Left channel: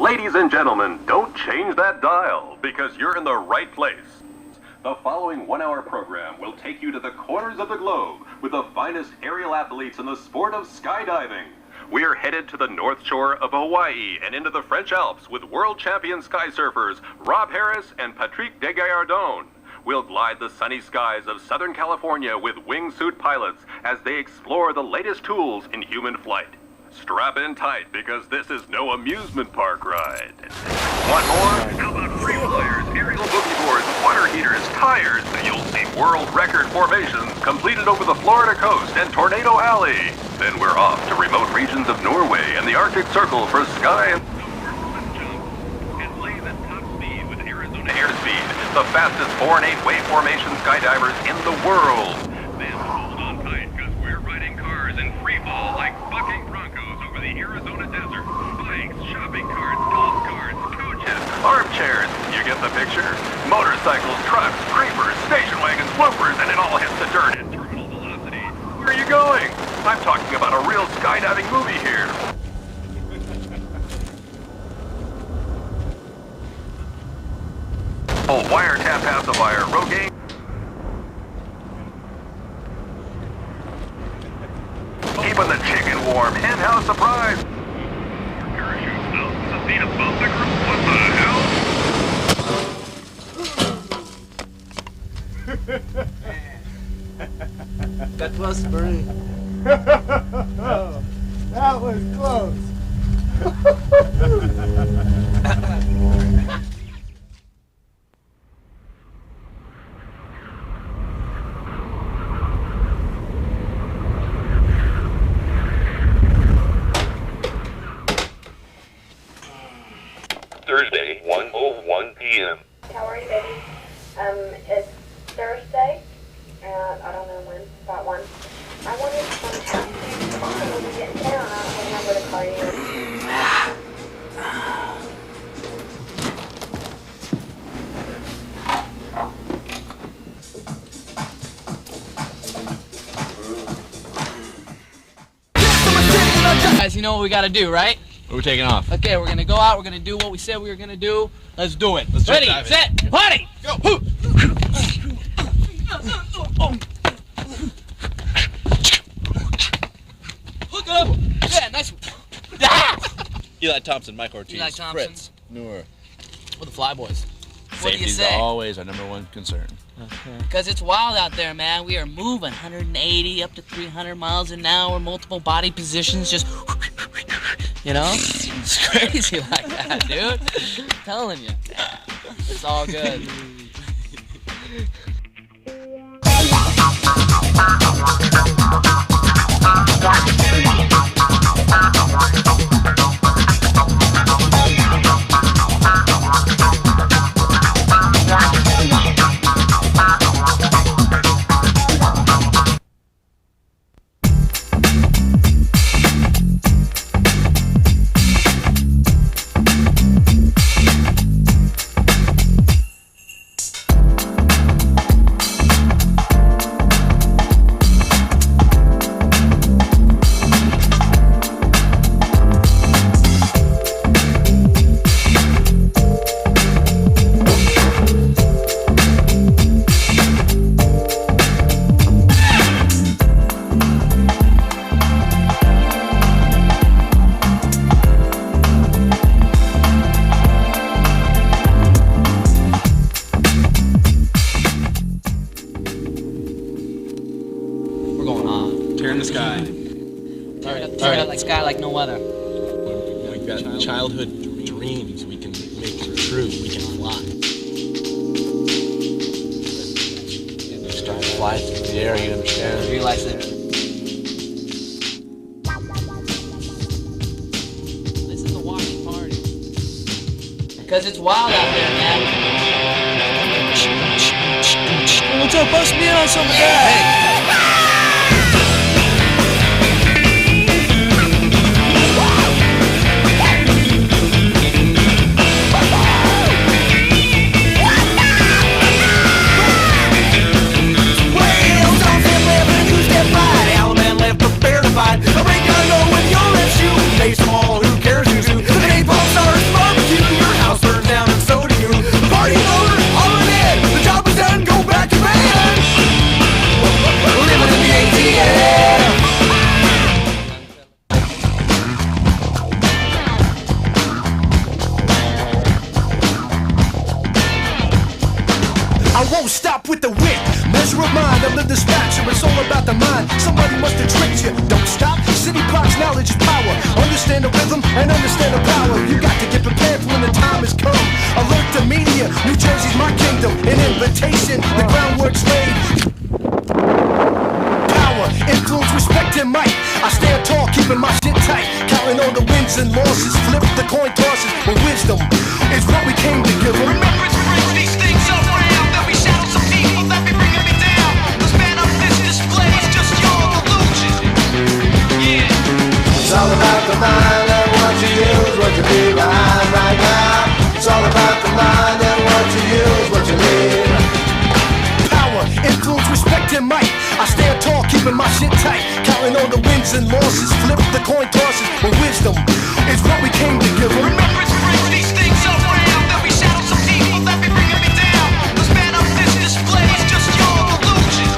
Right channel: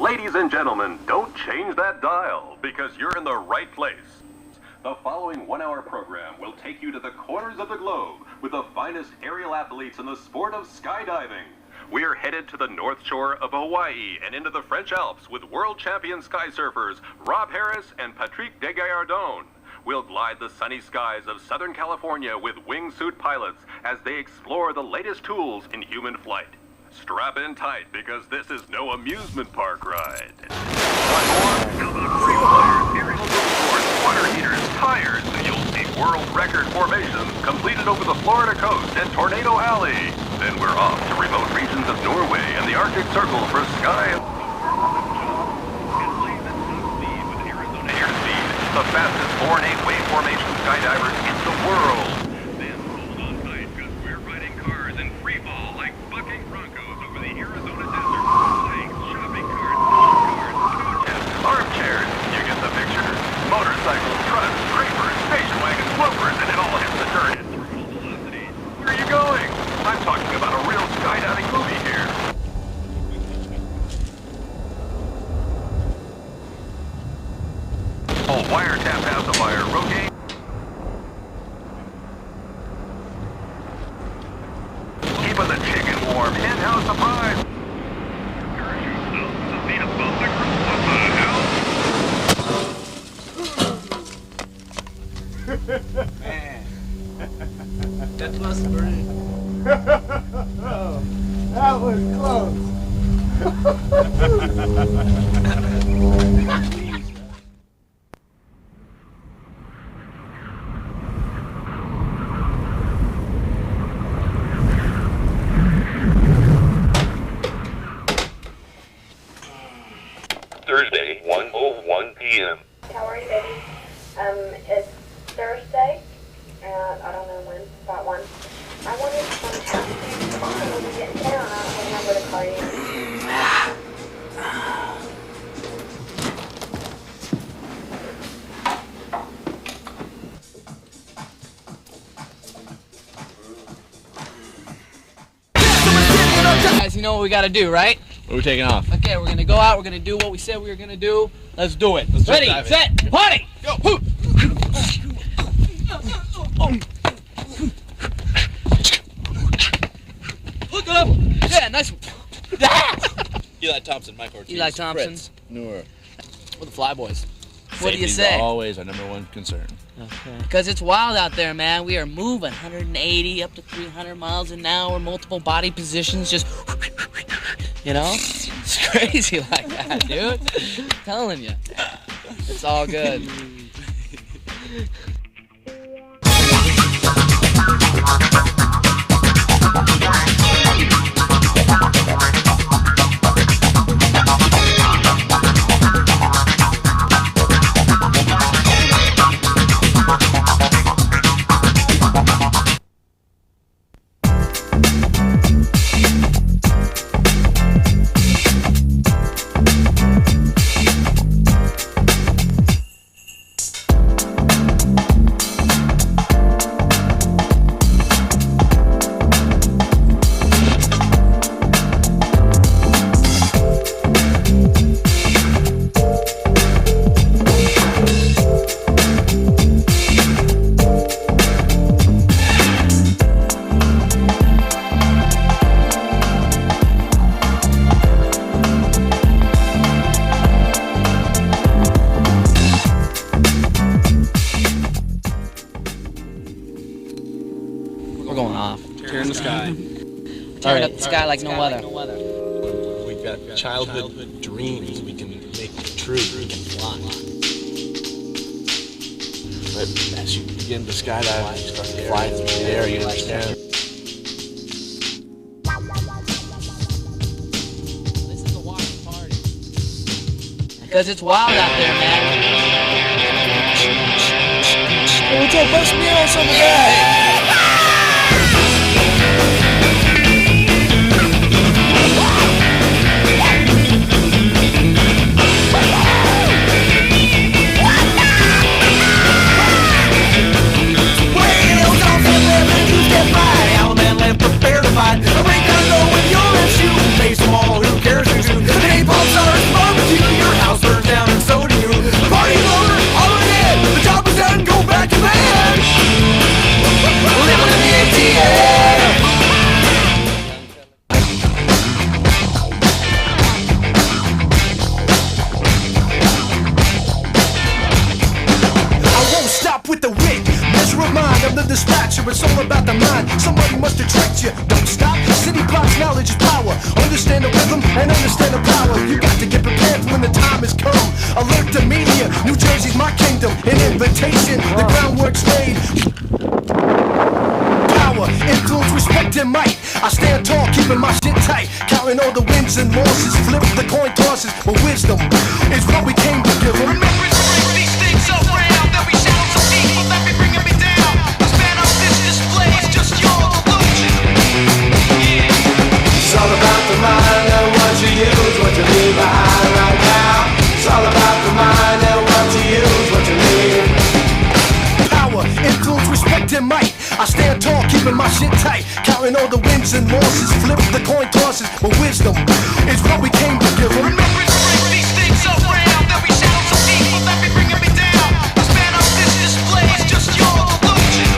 Ladies and gentlemen, don't change that dial, because you're in the right place. The following one-hour program will take you to the corners of the globe with the finest aerial athletes in the sport of skydiving. We're headed to the north shore of Hawaii and into the French Alps with world champion skysurfers Rob Harris and Patrick de Gayardon. We'll glide the sunny skies of Southern California with wingsuit pilots as they explore the latest tools in human flight. Strap in tight, because this is no amusement park ride. Want more? How about Freeflyers, aerial boogie boards, water heaters, tires? You'll see world record formations completed over the Florida coast and Tornado Alley. Then we're off to remote regions of Norway and the Arctic Circle for sky and snowboard jump. And blaze at top speed with Arizona Airspeed, the fastest 4 and 8 wave formation skydivers in the world. Then hold on tight, because we're riding cars in free fall like bucking broncos over the Arizona desert. Bikes, shopping carts, golf carts, coaches, armchairs. You get the picture? Motorcycles, trucks, creepers, station wagons, bloopers, and it all hits the dirt at terminal velocity. Where are you going? I'm talking about a real skydiving movie here. Oh, wiretap pacifier, Rogaine. Keeping the chicken warm. Hen house surprise. Parachute thousands of feet above the ground. What the hell? Man, that was brilliant. Oh, that was close. Thursday, 1:01 p.m. How are you, baby? It's Thursday. I don't know when, about 1. I wanted some time. We'll be getting down. I don't remember to call you. Guys, you know what we gotta do, right? What are we taking off? Okay, we're gonna go out, we're gonna do what we said we were gonna do. Let's do it. Let's Ready, dive in. set, party! Go! Look it up! Yeah, nice one. Ah! Eli Thompson, Mike Ortiz, Eli Thompson. Fritz, Noor. We're the Flyboyz. What do you Safety's say? always our number one concern. Okay. Because it's wild out there, man. We are moving 180 up to 300 miles an hour, multiple body positions, just, you know? It's crazy like that, dude. I'm telling you. It's all good. Turn up the sky like no other. We've got a childhood dream we can make it true. In the sky, flight from the air, you like that. This is a watching party. Because it's wild out there, man. Hey, what's up? Bust me in on some of that. A break down go with your left shoe. Face them all, who cares who's who? The napalm stars, pressure, it's all about the mind. Somebody must have tricked you. Don't stop, city blocks, knowledge is power. Understand the rhythm and understand the power. You got to get prepared for when the time has come. Alert the media, New Jersey's my kingdom. An invitation, the groundwork's laid. Power, influence, respect, and might. I stand tall, keeping my shit tight. Counting all the wins and losses. Flip the coin tosses, but wisdom is what we came to give. Remember to break these things around. There'll be shadows of people that be bringing me down. The span of this display is just your illusion. Yeah. It's all about the mind and what you use, what you leave behind right now. It's all about the mind and what you use, what you leave. Power, influence, respect, and might. I stand tall, keeping my shit tight. Counting all the wins and losses. Flip the coin tosses, but wisdom is what we came to give. Remember to break these things around. There'll be shadows of people that be bringing me down. The span of this display is just your illusion.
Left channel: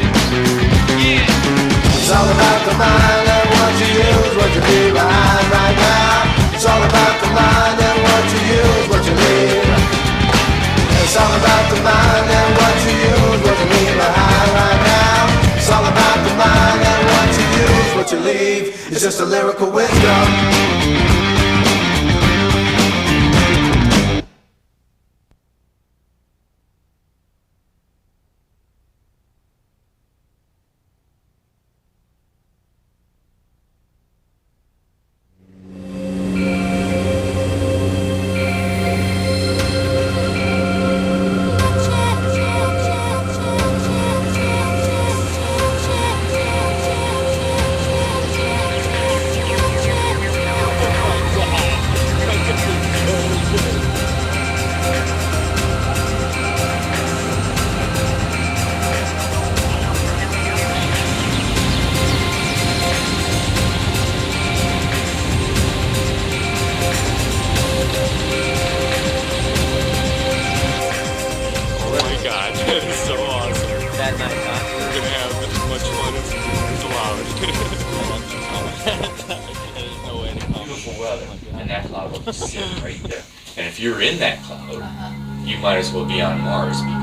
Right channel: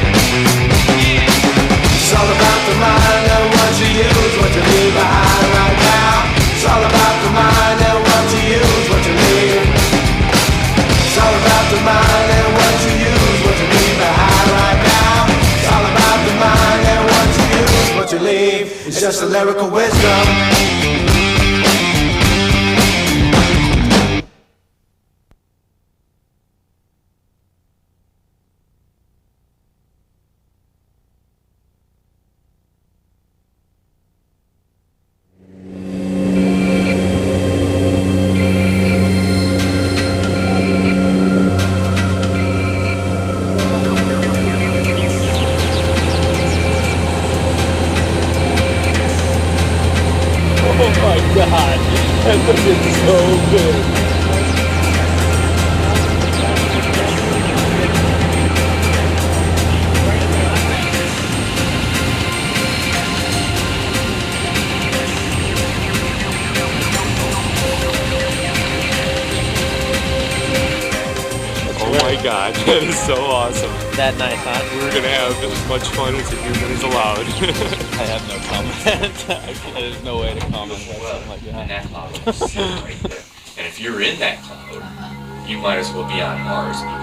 Yeah. It's all about the mind and what you use, what you leave behind right now. It's all about the mind and what you use, what you leave. It's all about the mind and what you use, what you leave behind right now. It's all about the mind and what you use, what you leave. It's just a lyrical wisdom. God, that is so awesome. That night, huh? We're gonna have as much fun as the human is allowed. I have no comment. There's no way to comment on something like that. And that cloud will sit right there. And if you're in that cloud, you might as well be on Mars because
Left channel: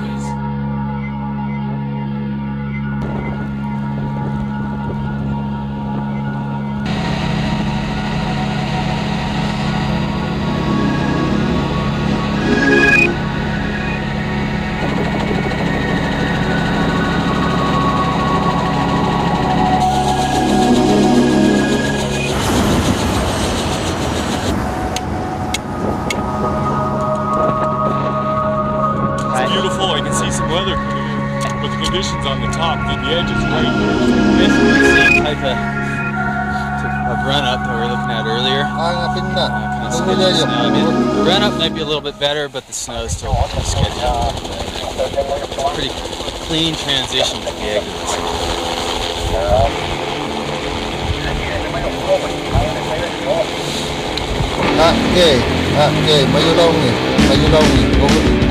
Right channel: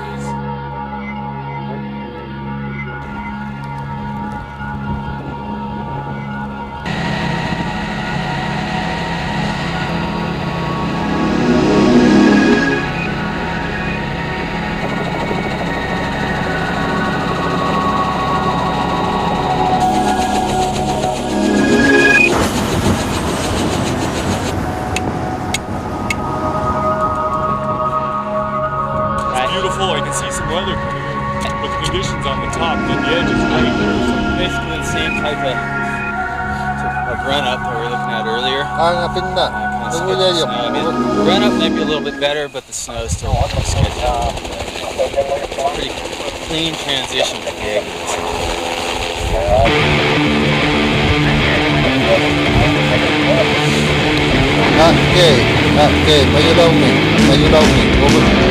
weather coming in, but the conditions on the top, then the edge is right there. Basically the same type of run-up that we were looking at earlier. Kind of sketchy snow. I mean, the run-up might be a little bit better, but the snow is still kind of sketchy. It's a pretty clean transition to the exits. Okay, maju long ni, over.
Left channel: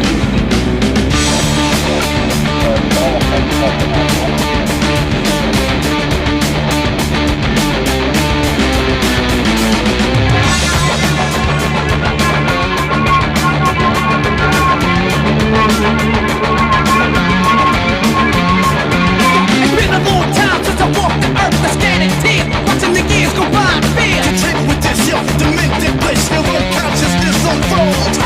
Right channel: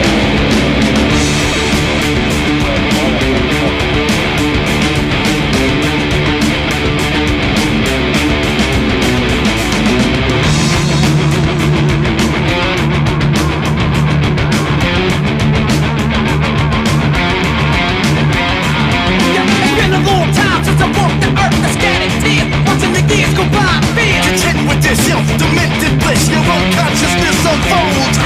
Since I walked the earth, I scattered tears, watching the years go by in fear. Content with this, yo, demented bliss, your unconsciousness unfolds.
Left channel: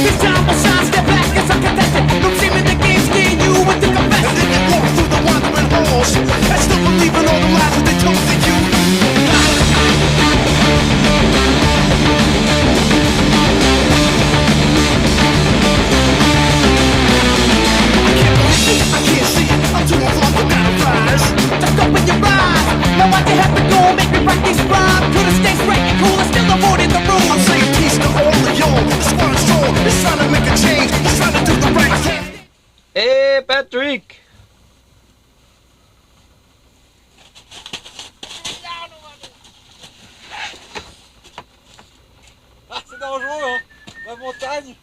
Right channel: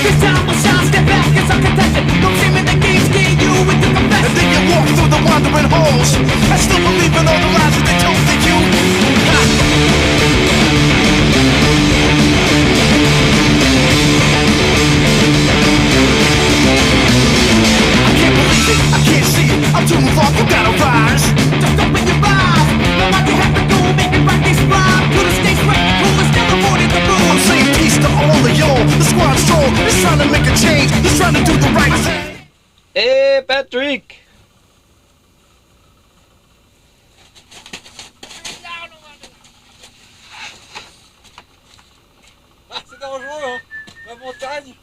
This time will shine, step back, it's a contention. No shame in the game, scare you with the confession. And then you walk through the wandering halls, and still believe in all the lies that they told to you. I can't believe it, I can't see it, I'm too involved, you gotta rise. Just open your eyes, now why'd you have to go make me write these rhymes? Could've stayed straight and cool and still avoided the rules. I'm saying peace to all of y'all, the squad's strong, it's trying to make a change, it's trying to do the right thing. Hey, Patrick! Ah, c'est dangereux, hein, la montagne.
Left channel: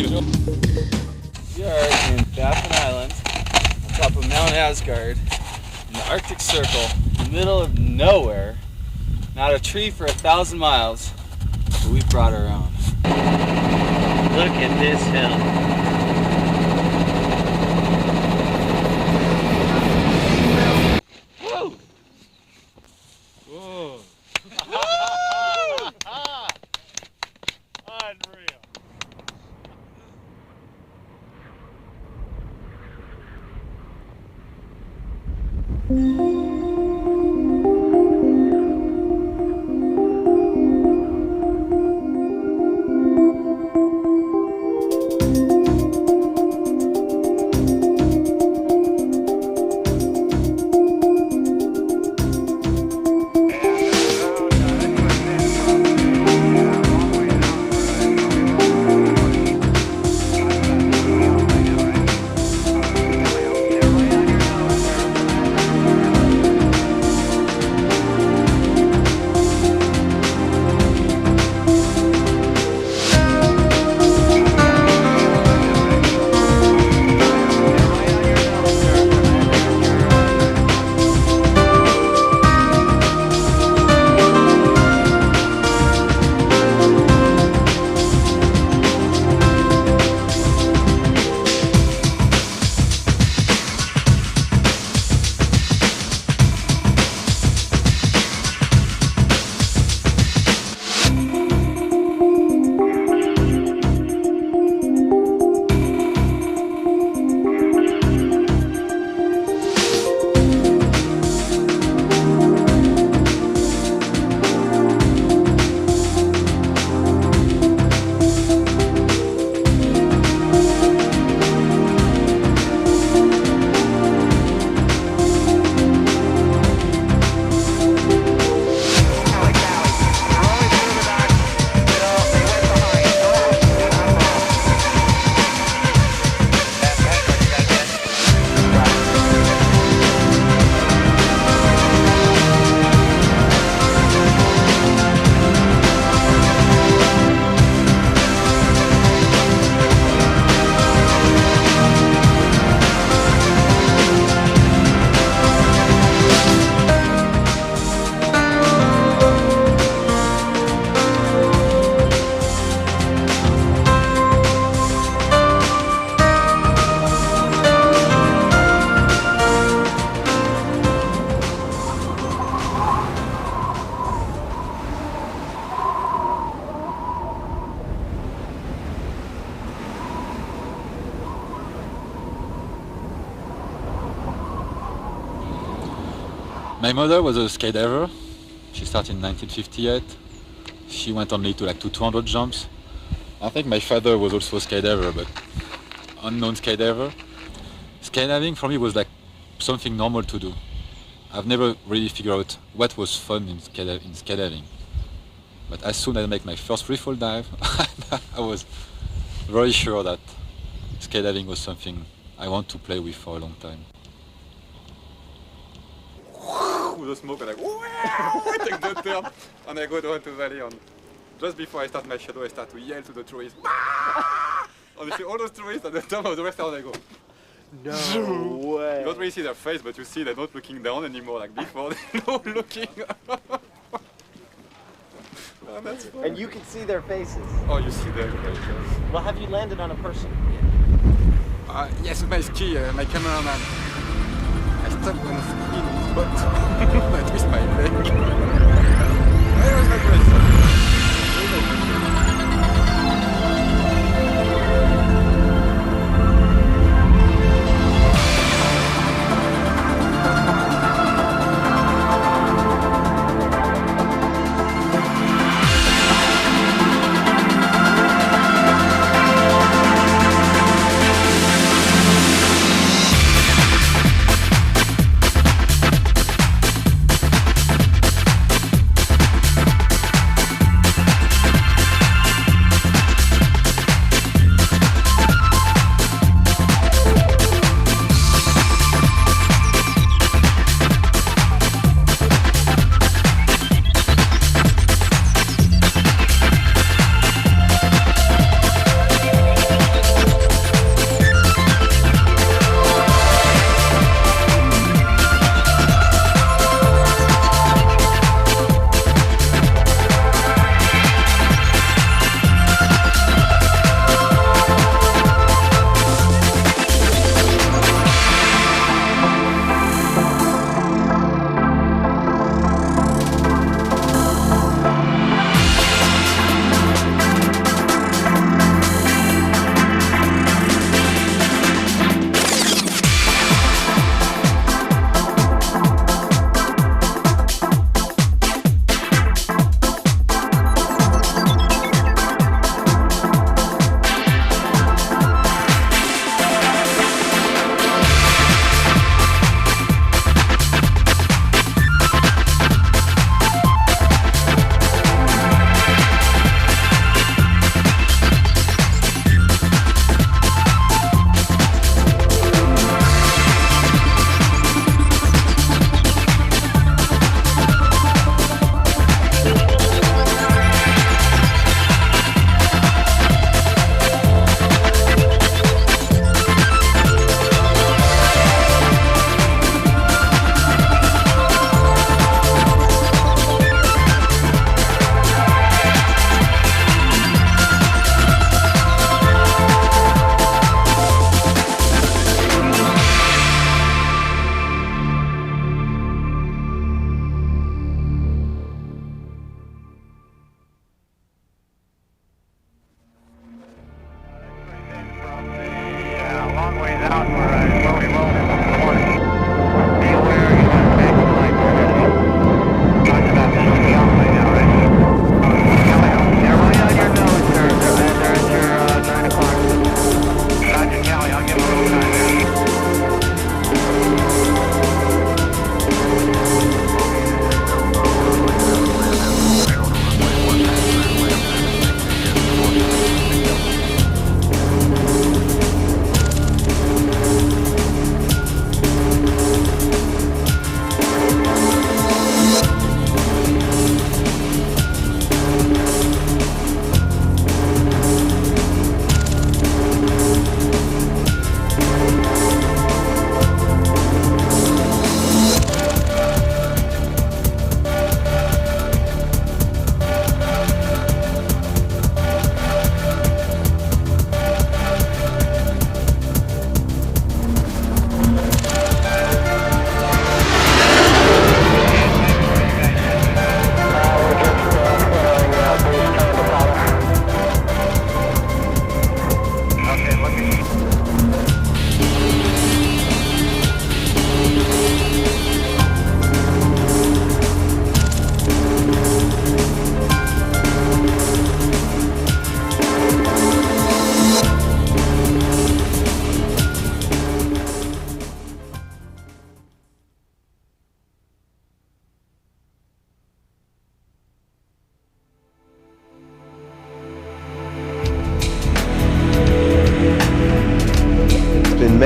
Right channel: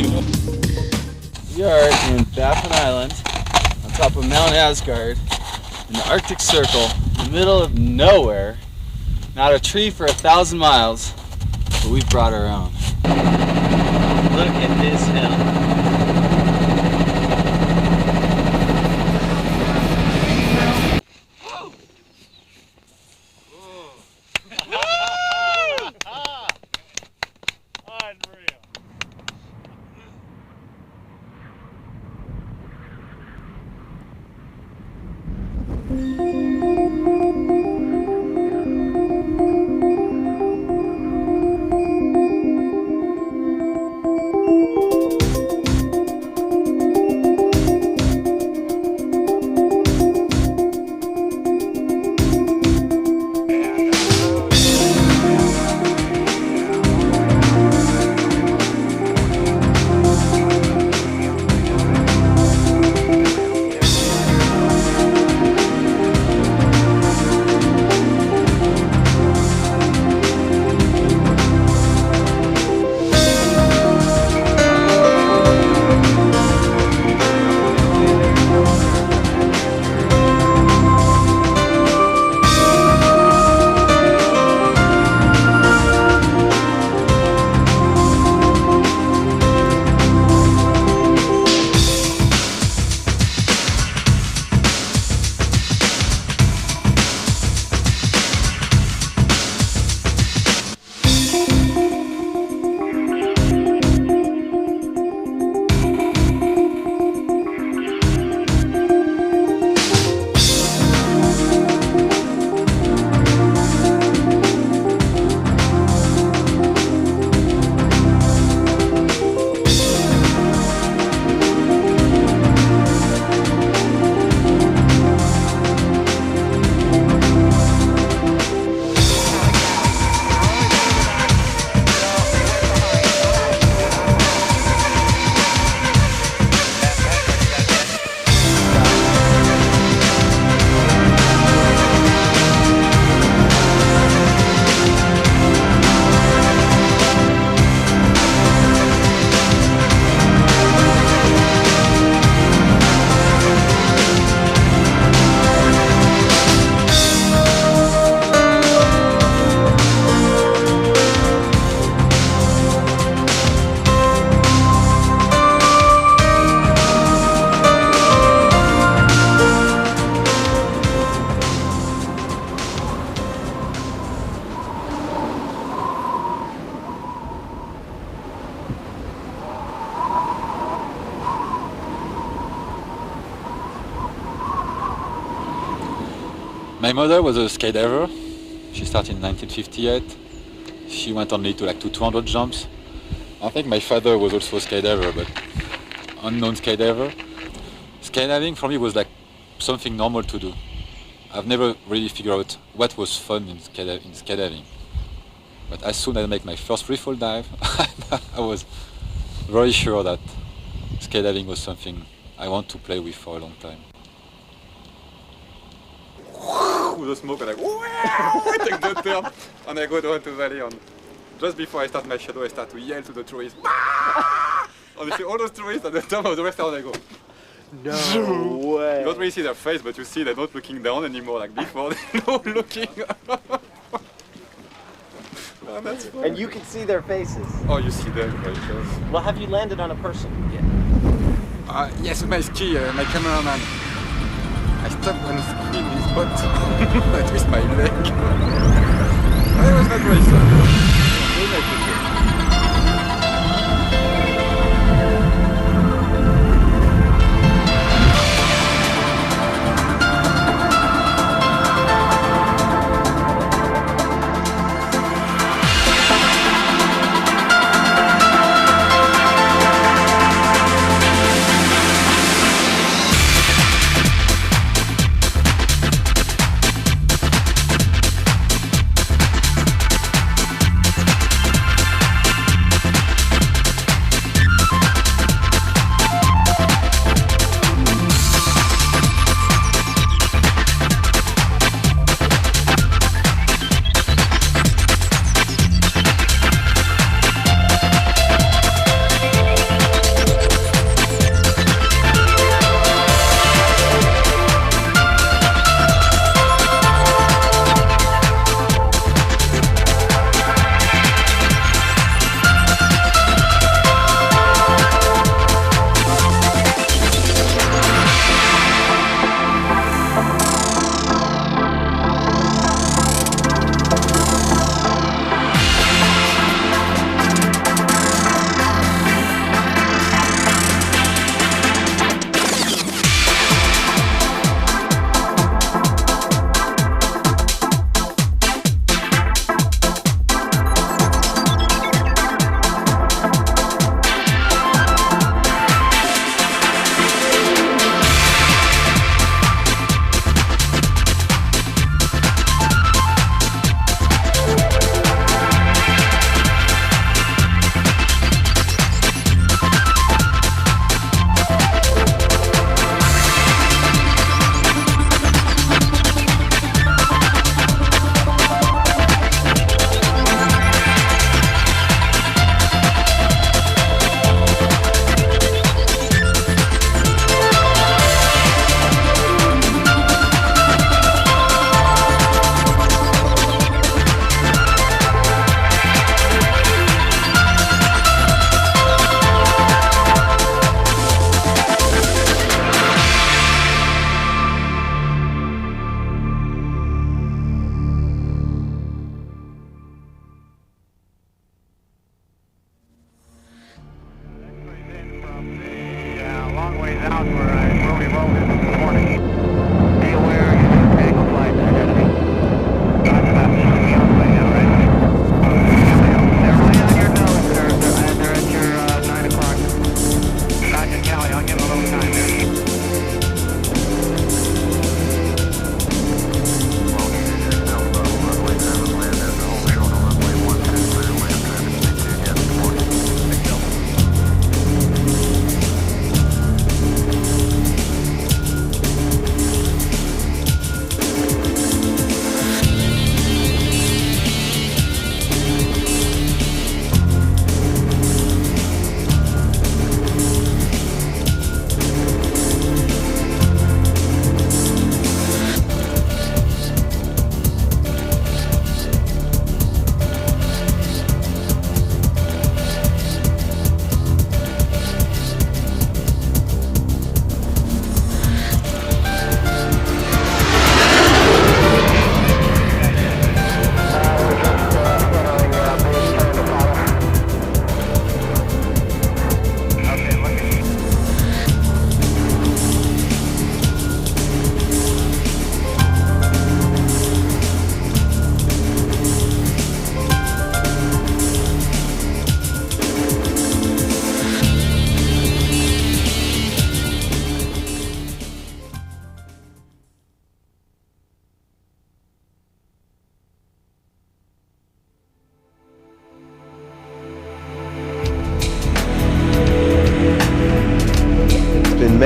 We are in Baffin Island, on top of Mount Asgard, in the Arctic Circle, in the middle of nowhere. Not a tree for 1,000 miles, but we've brought our own. Look at this hill. Whoa! Whoa! Unreal. My mother was a skydiver. She started in 1958. She went only to 200 jumps. I think my father was also a skydiver, but unknown skydiver. Skydiving for me was like something normal to do. I've never really figured out what was fun in skydiving. But as soon as I make my first freefall dive, I was very sure that skydiving was something I want to play with for a long time. With the smoke, and I take the turn, and I go down to the valley. And just before I start my shadow, I start to yell to the tourists. And you see all those tourists at the top of the restaurant, I go. No way. You don't really see their face, but you see they're not looking down anymore like before. They're not looking. Oh, that's funny. And you can see their faces. Oh, you see them very close. Well, have you landed on a person yet? Yes, my ski, my cameraman. I stopped one ski in his butt. I twist my leg. I was not very sorry. Very nice picture.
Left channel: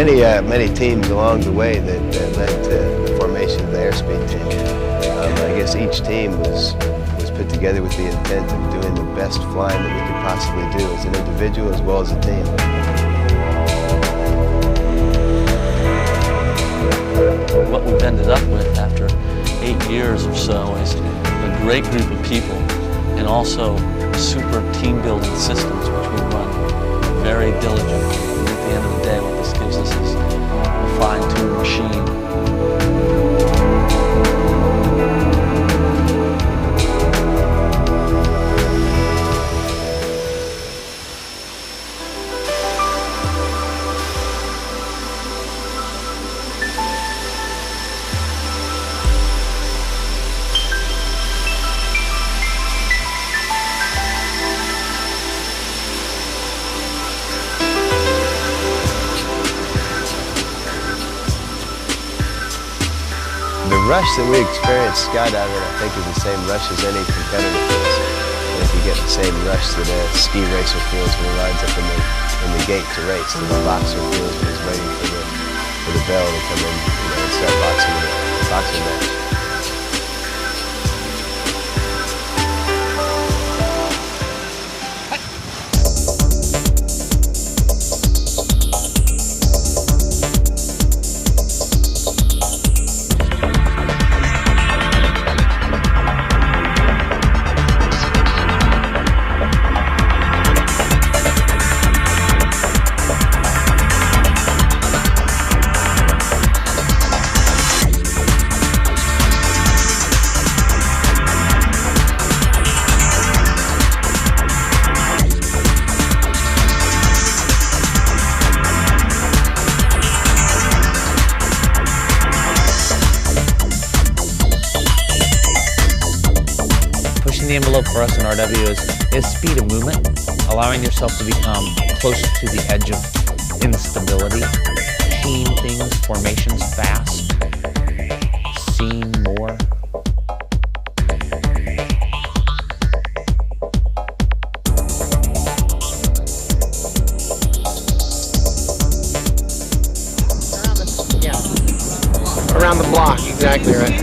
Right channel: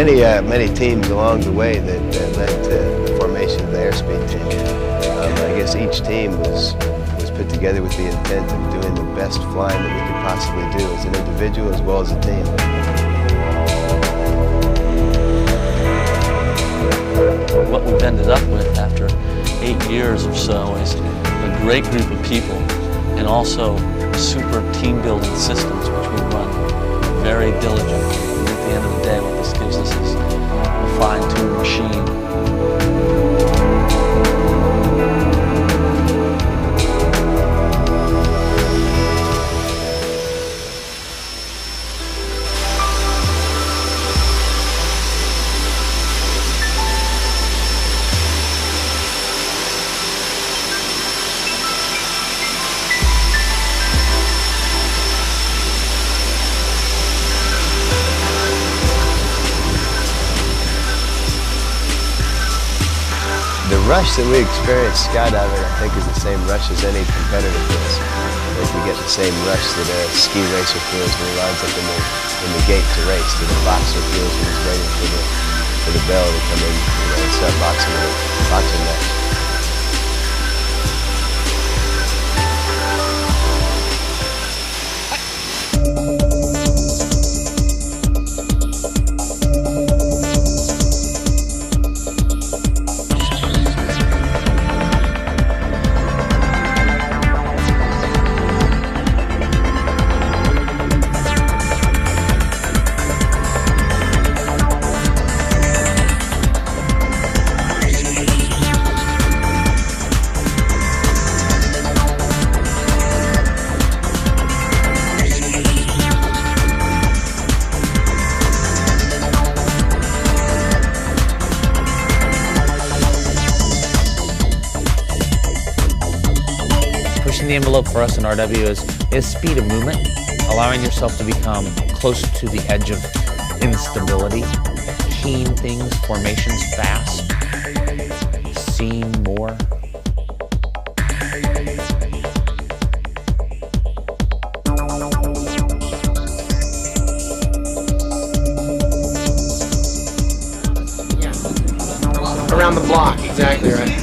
many teams along the way that led to the formation of the Airspeed team. I guess each team was put together with the intent of doing the best flying that we could possibly do as an individual as well as a team. What we've ended up with after 8 years or so is a great group of people and also super team building systems which we run very diligently. And at the end of the day, what this gives us is a fine-tuned machine. The rush that we experience skydiving, I think, is the same rush as any competitor feels. I think we get the same rush that a ski racer feels when he lines up in the gate to race, that a boxer feels when he's waiting for the bell to come in, and start boxing in a boxing match. Pushing the envelope for us in RW is speed of movement, allowing yourself to become closer to the edge of instability, keying things, formations fast, seeing more. Around the block, exactly right.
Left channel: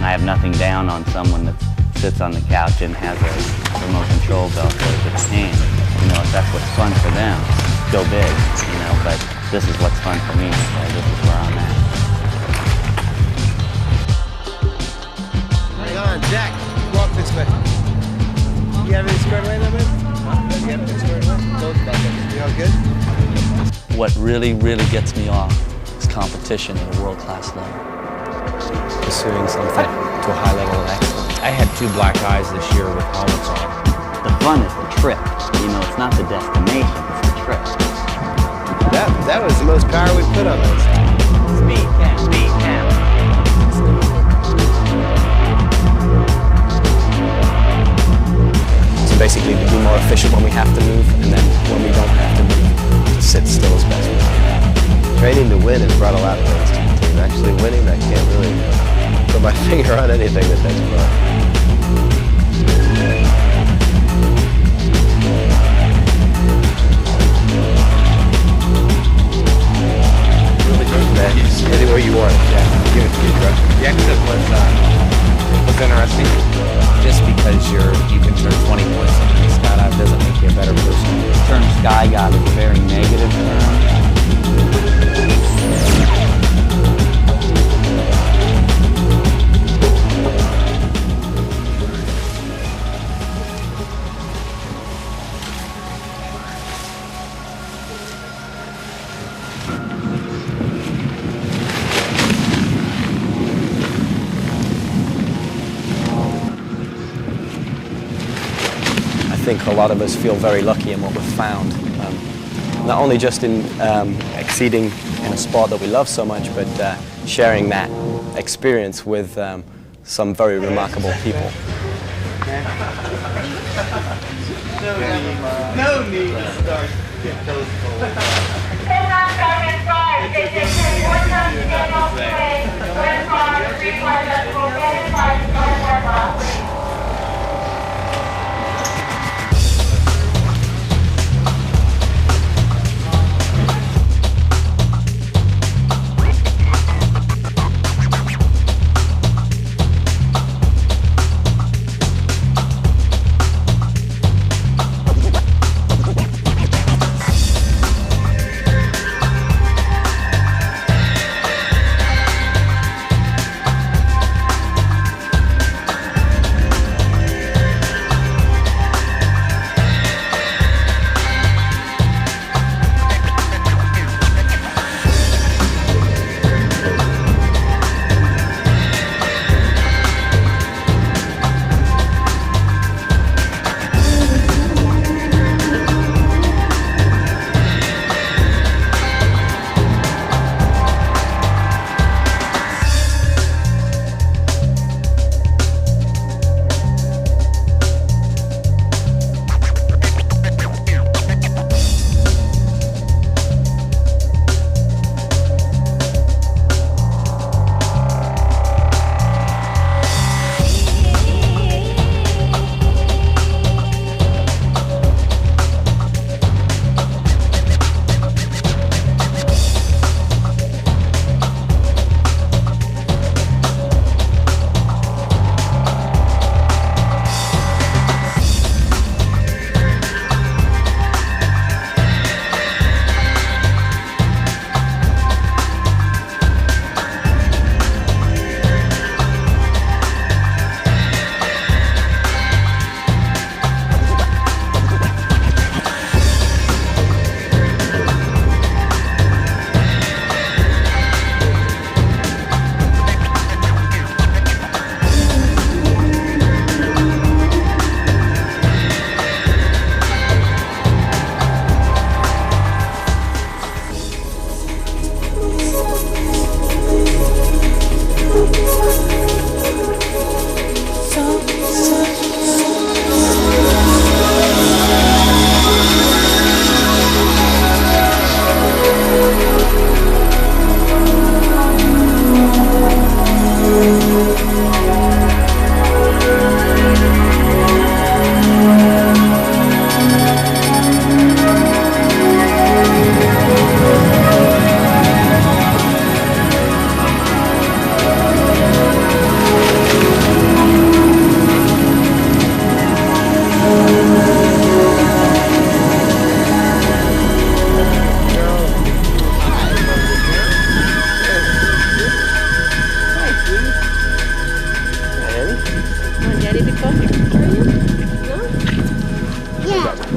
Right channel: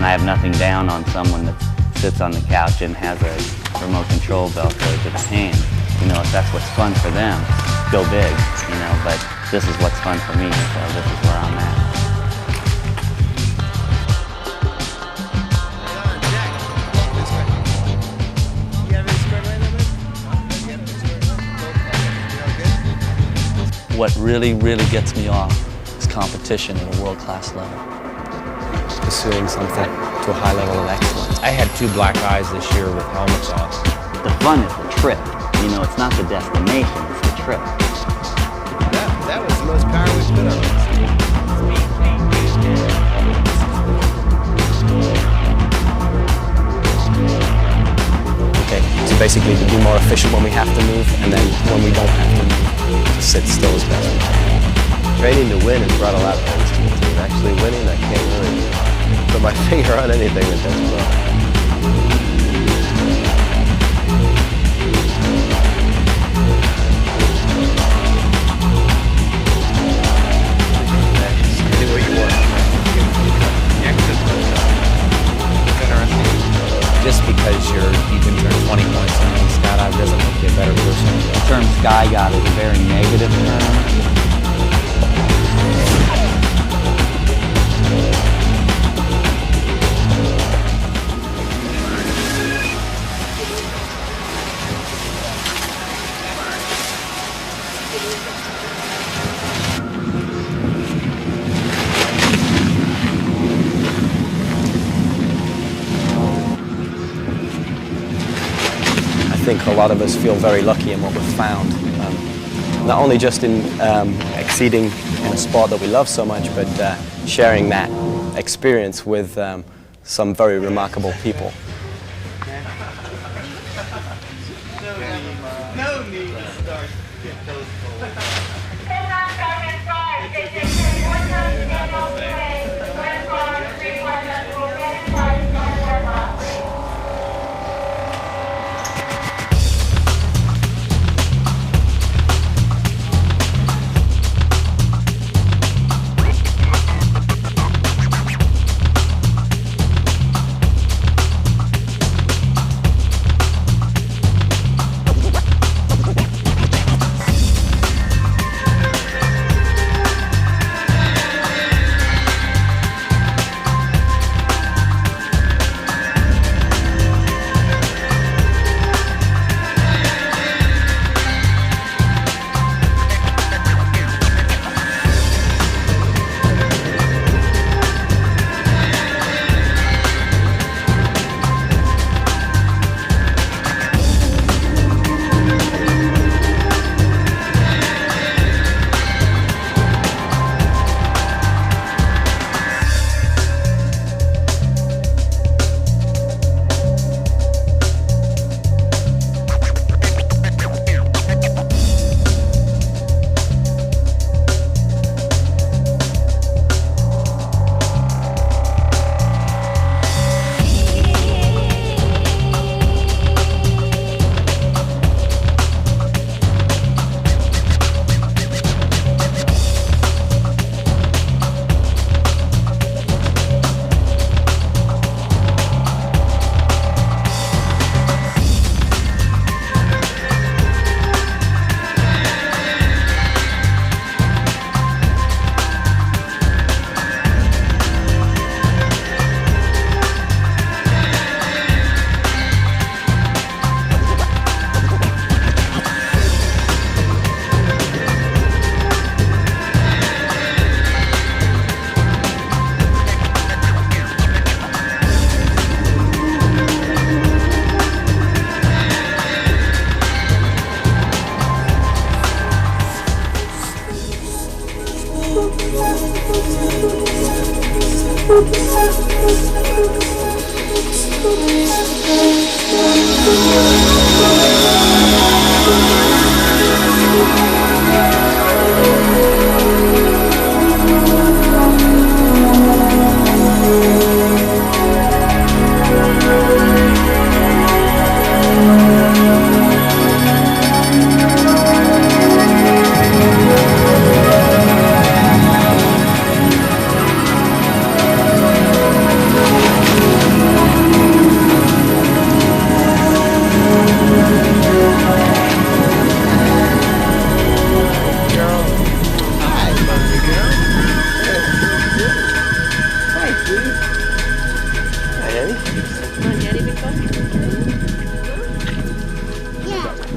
I have nothing down on someone that sits on the couch and has a remote control belt goes to his hand. If that's what's fun for them, go big, but this is what's fun for me, so this is where I'm at. Hang on, Jack, walk this way. You have any squared away, man? You have any squared away? You all good? What really, really gets me off is competition at a world-class level. Pursuing something to a high level of excellence. I had 2 black eyes this year with helmets on. The fun is the trip. It's not the destination, it's the trip. That was the most power we put on this. So basically to be more efficient when we have to move, and then when we don't have to move, to sit still as best we can. Training to win has brought a lot of things to the team. Actually winning, I can't really put my finger on anything that's brought. Really good, man. Anywhere you want, Jack. Give it to me, bro. The exit was interesting. Just because you can turn 20 points in any skydive doesn't make you a better person. The term sky god is a very negative term. I think a lot of us feel very lucky in what we've found. Not only just in exceeding in a sport that we love so much, but sharing that experience with some very remarkable people. No need to start getting those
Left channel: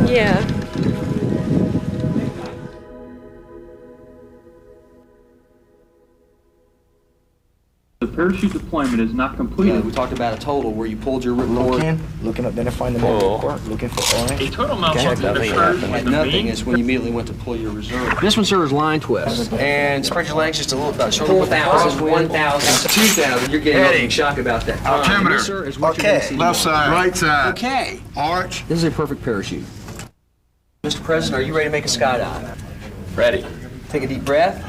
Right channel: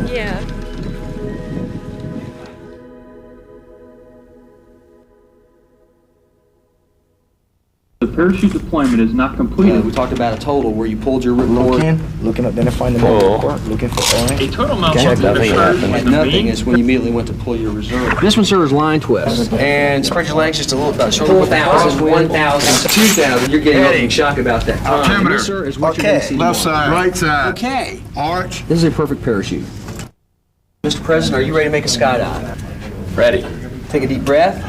Yeah. The parachute deployment is not completed. We talked about a total where you pulled your ripcord. Looking up, identifying the ripcord, looking for orange. A total amount Check of that thing out. and nothing is when you immediately went to pull your reserve. This one, sir, is line twist. And spread your legs just a little bit. 4,000, 1,000, 2,000. You're getting opening shock about that time. Altimeter. This, sir, is what you're going to see Left tomorrow. side. Right side. Okay. Arch. This is a perfect parachute. Mr. President, are you ready to make a skydive? Ready. Take a deep breath.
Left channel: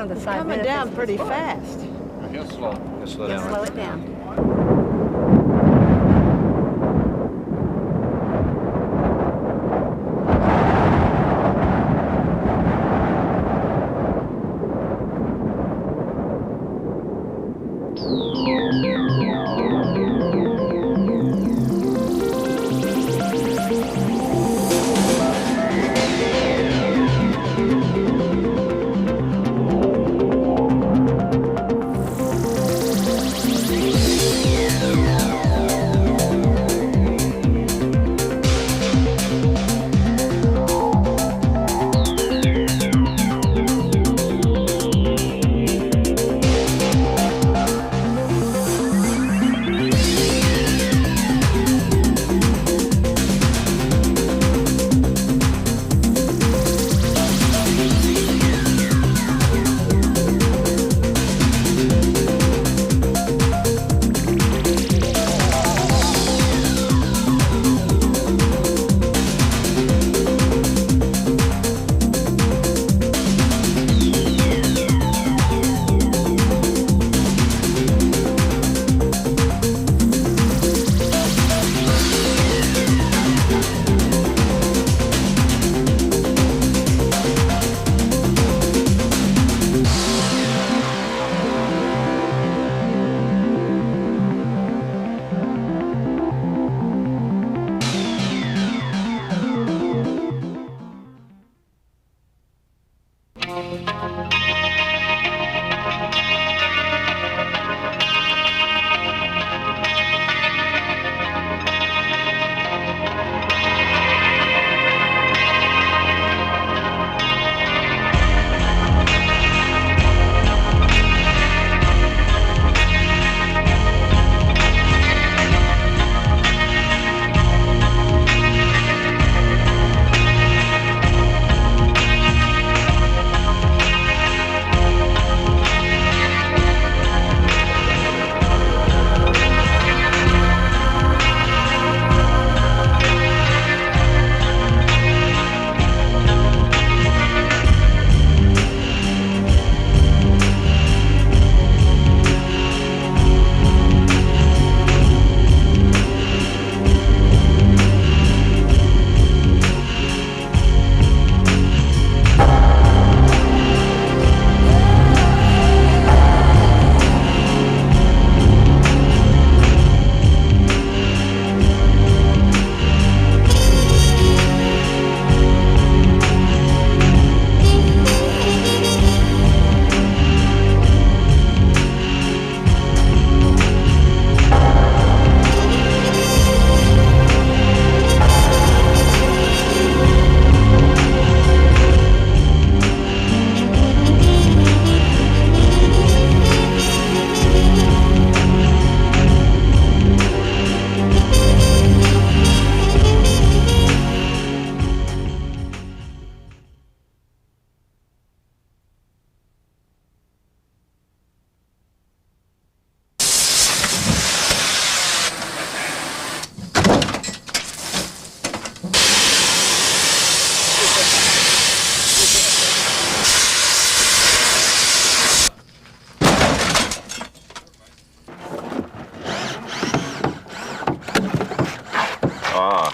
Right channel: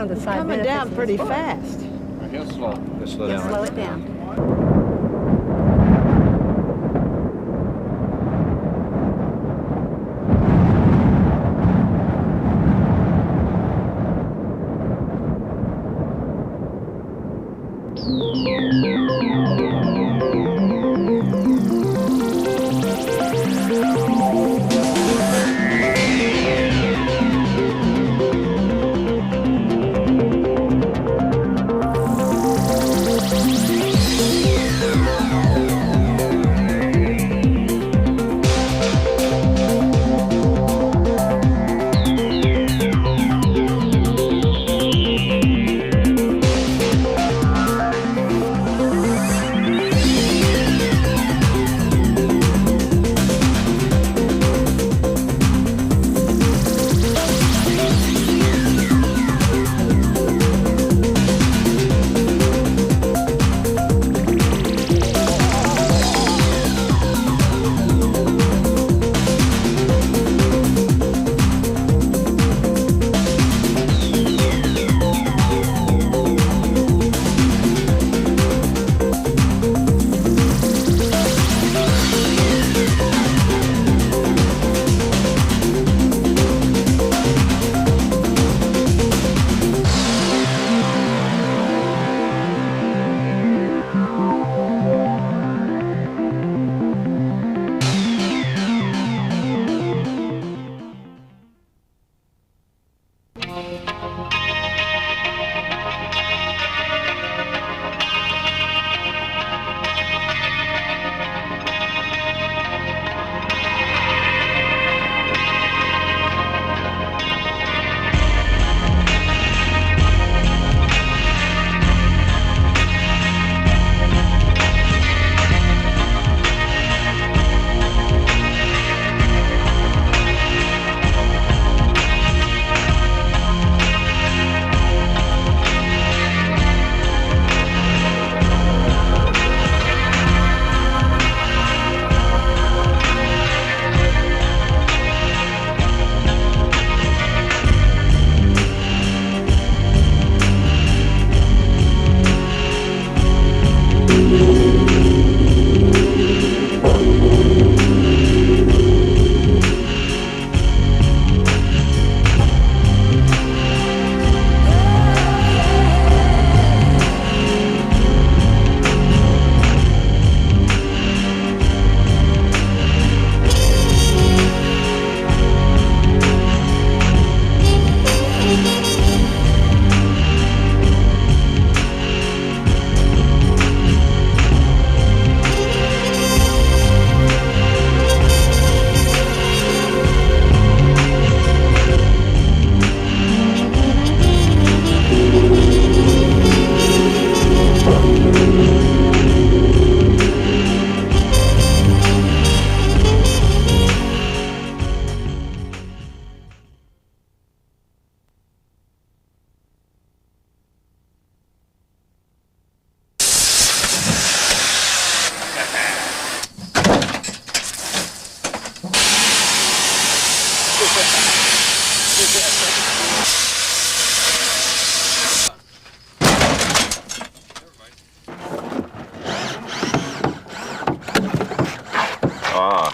one of the side Coming benefits down of pretty the sport. fast. He'll slow. He'll slow Yeah, down. slow right? it down.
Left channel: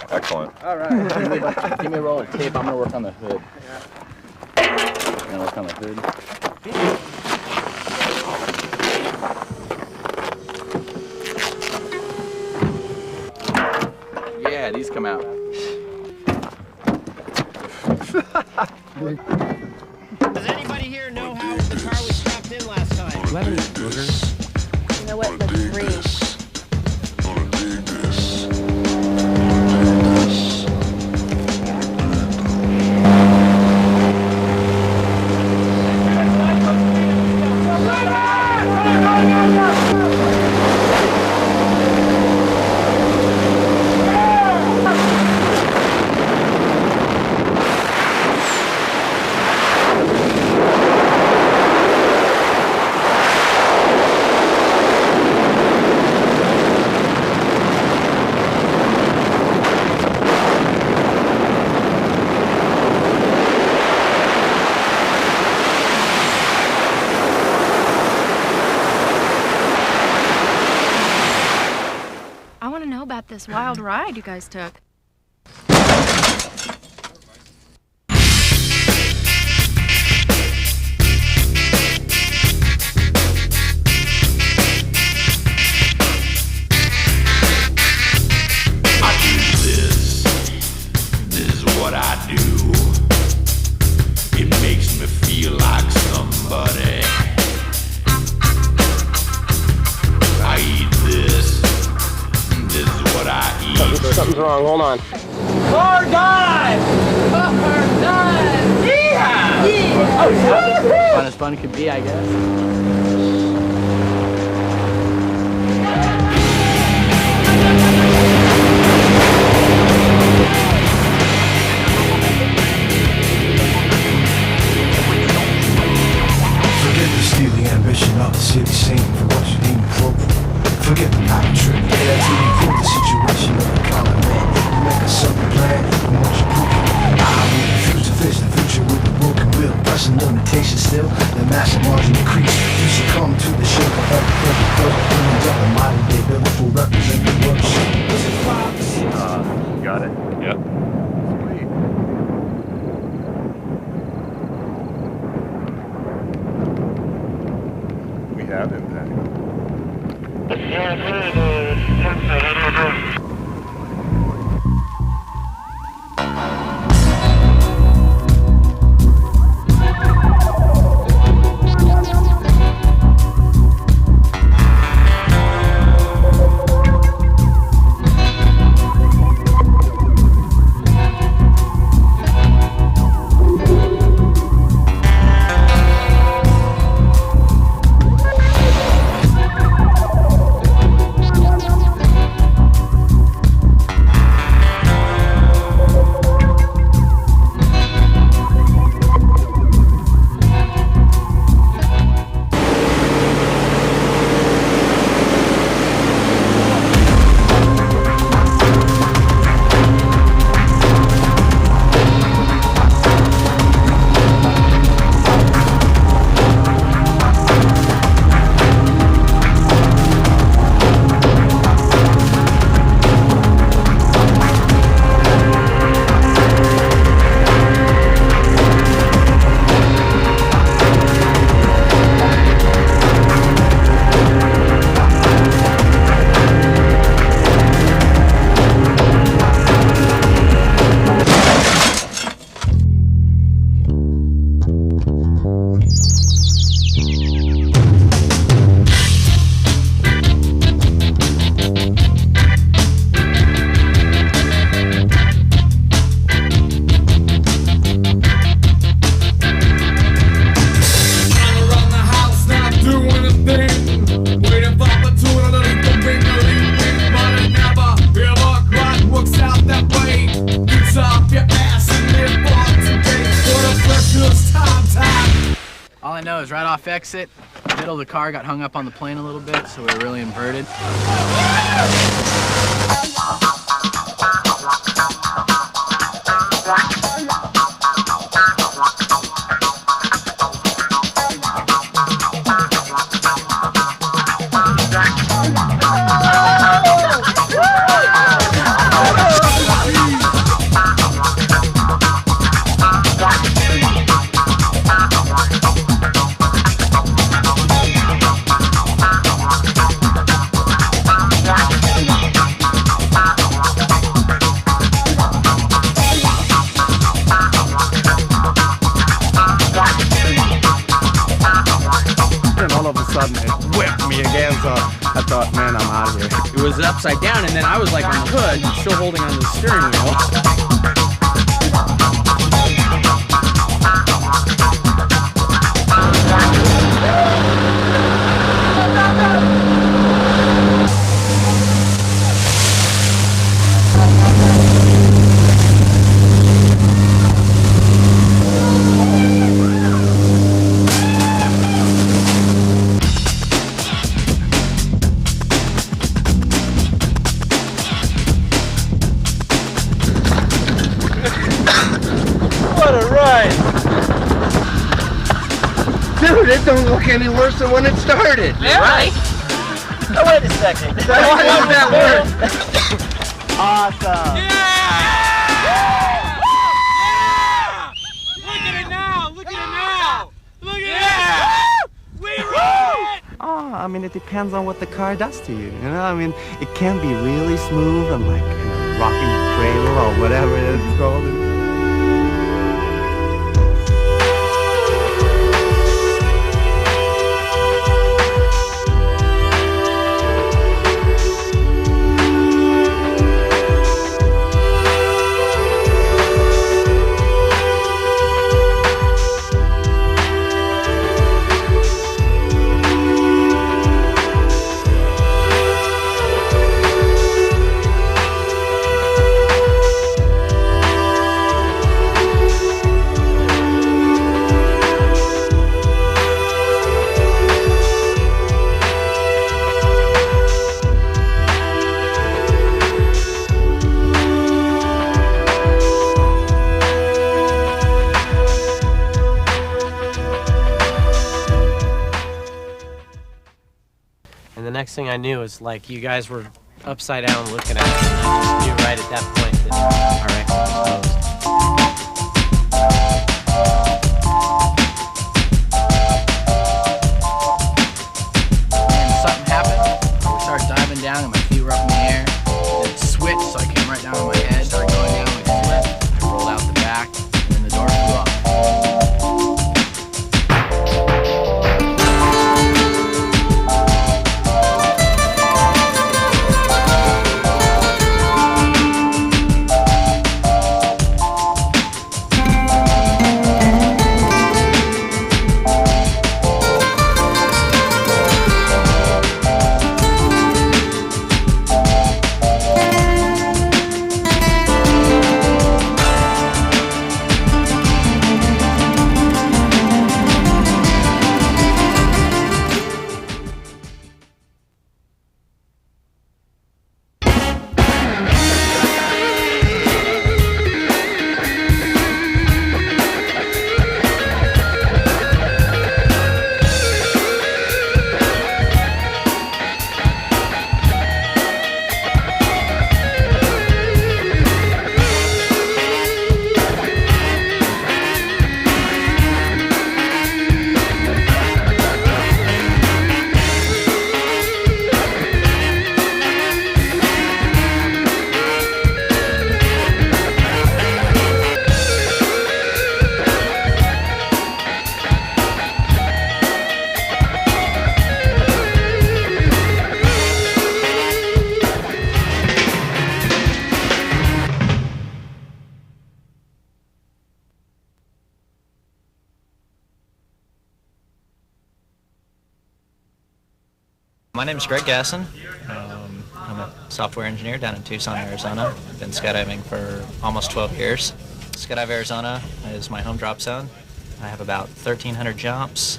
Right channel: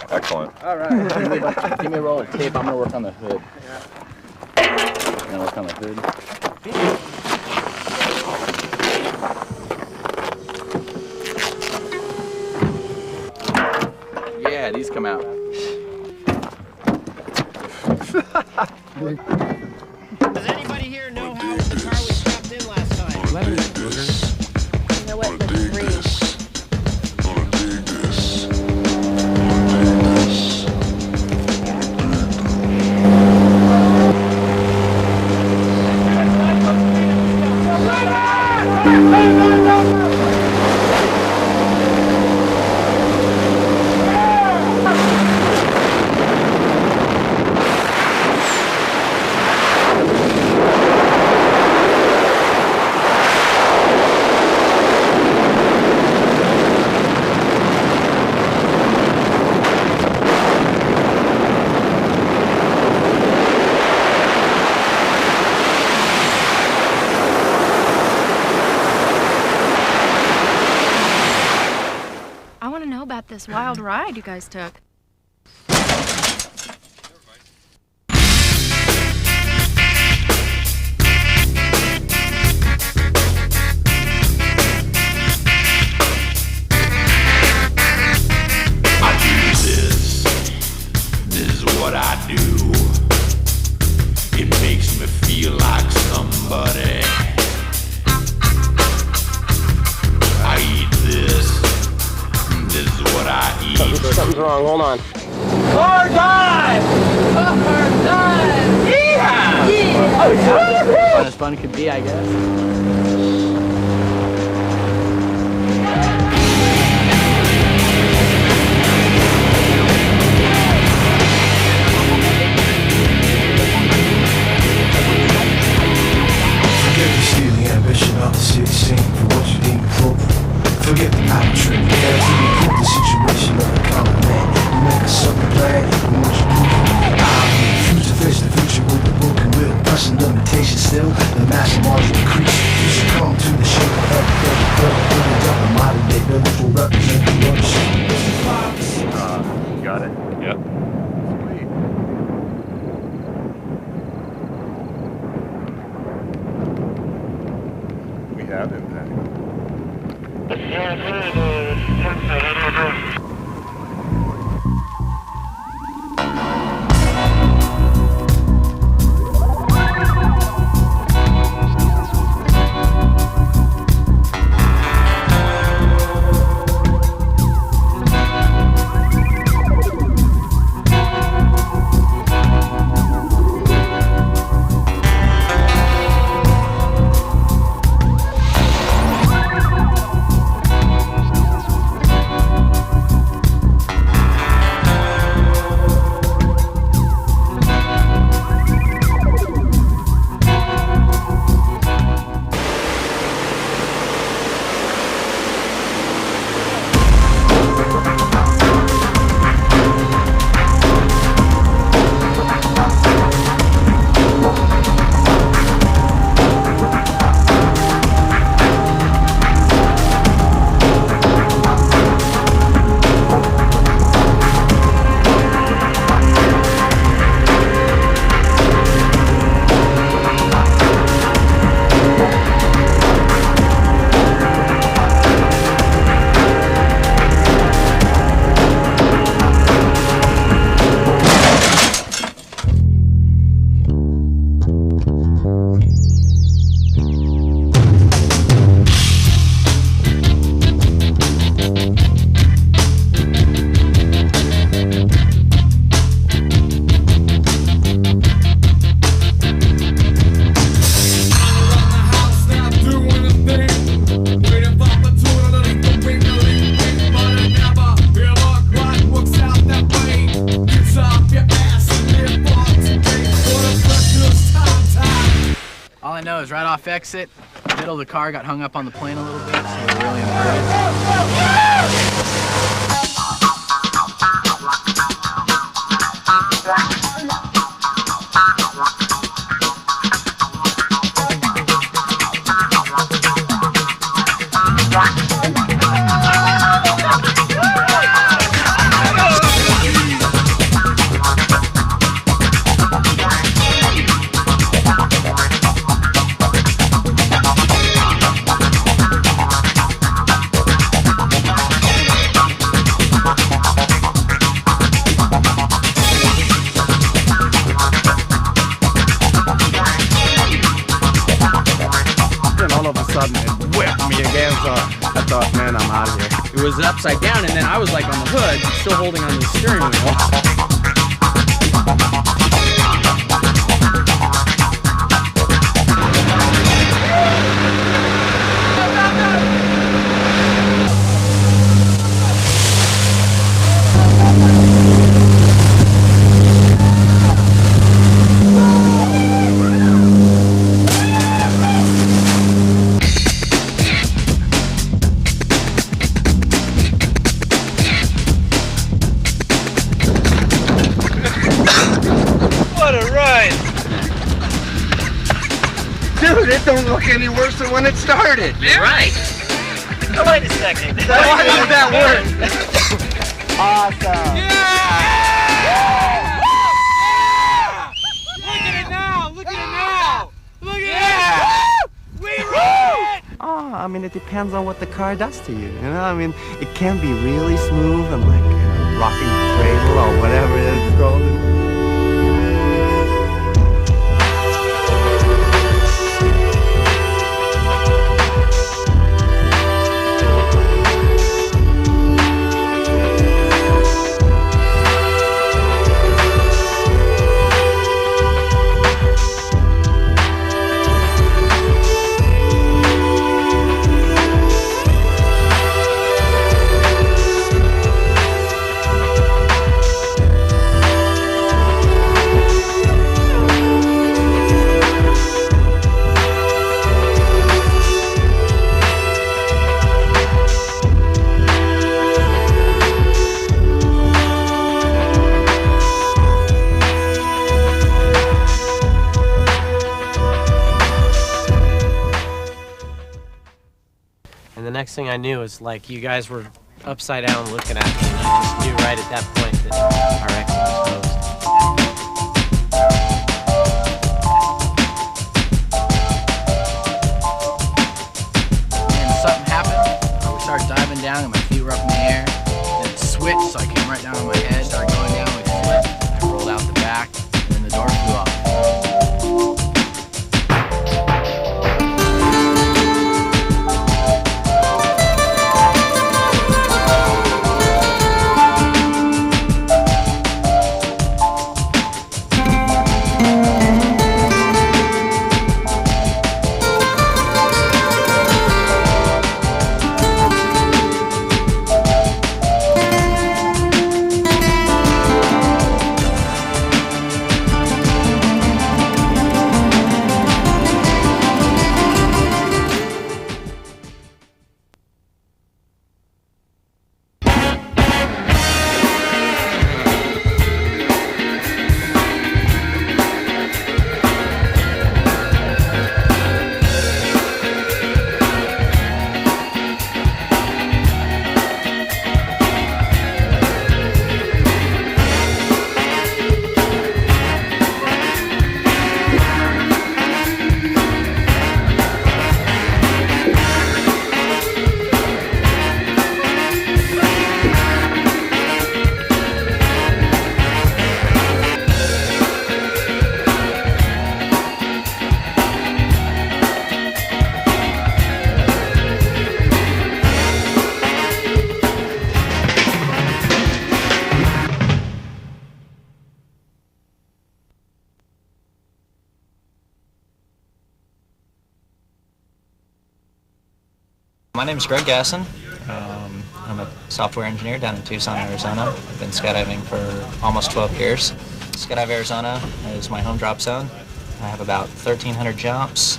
Excellent. All right. Give me a roll of tape. I'm going to work on the hood. I'm going to work on the hood. Yeah, these come out. Does anybody here know how the car was strapped in last time? Do you have any boogers? You know what? Let's breathe. about this wild ride you guys took. I do this. This is what I do. It makes me feel like somebody. I eat this. This is what I eat. Something's wrong. Hold on. That was fun. Oh yeah. Fun as fun could be, I guess. Forget the steely ambition of the city scene for what you deem appropriate. Forget the power trip, guaranteed for the situation of a common man. You make a sudden plan, and what you do, I refuse to face the future with the broken will. Pressing limitations still, the massive margin increase. You succumb to the shape of the human death, the modern day biblical represent the worst. Got it. Yep. We have impact. All I know is right off exit, the middle of the car got hung up on the plane a little bit, so we were really inverted. All of a sudden it whipped me again, so I thought, man, I'm out of here. It was upside down, and then I was like on the hood, still holding on to the steering wheel. Dude, it don't look any worse than when it started. Yeah. Right? Oh, wait a second. Why does that work? Awesome. Look at it now! Look at it now! Look at it! We rode it! Oh, I mean, it depends on what the car does to you, you know? I mean, it can be really smooth and like a rocking cradle or whatever it's called. The next thing I knew was like you guys were upside down looking at it, and I just knew right at that point that our exit was hosed. And something happened. We started diving down and my feet were up in the air. Then it switched, so I came right down on my head, started going down, we flipped. I rolled out the back, and then the door flew off. My name is Greg Gasson. I'm a software engineer down in Tucson, Arizona. I've been skydiving for almost 12 years. Skydive Arizona is my home drop zone. I have about 1,300 jumps,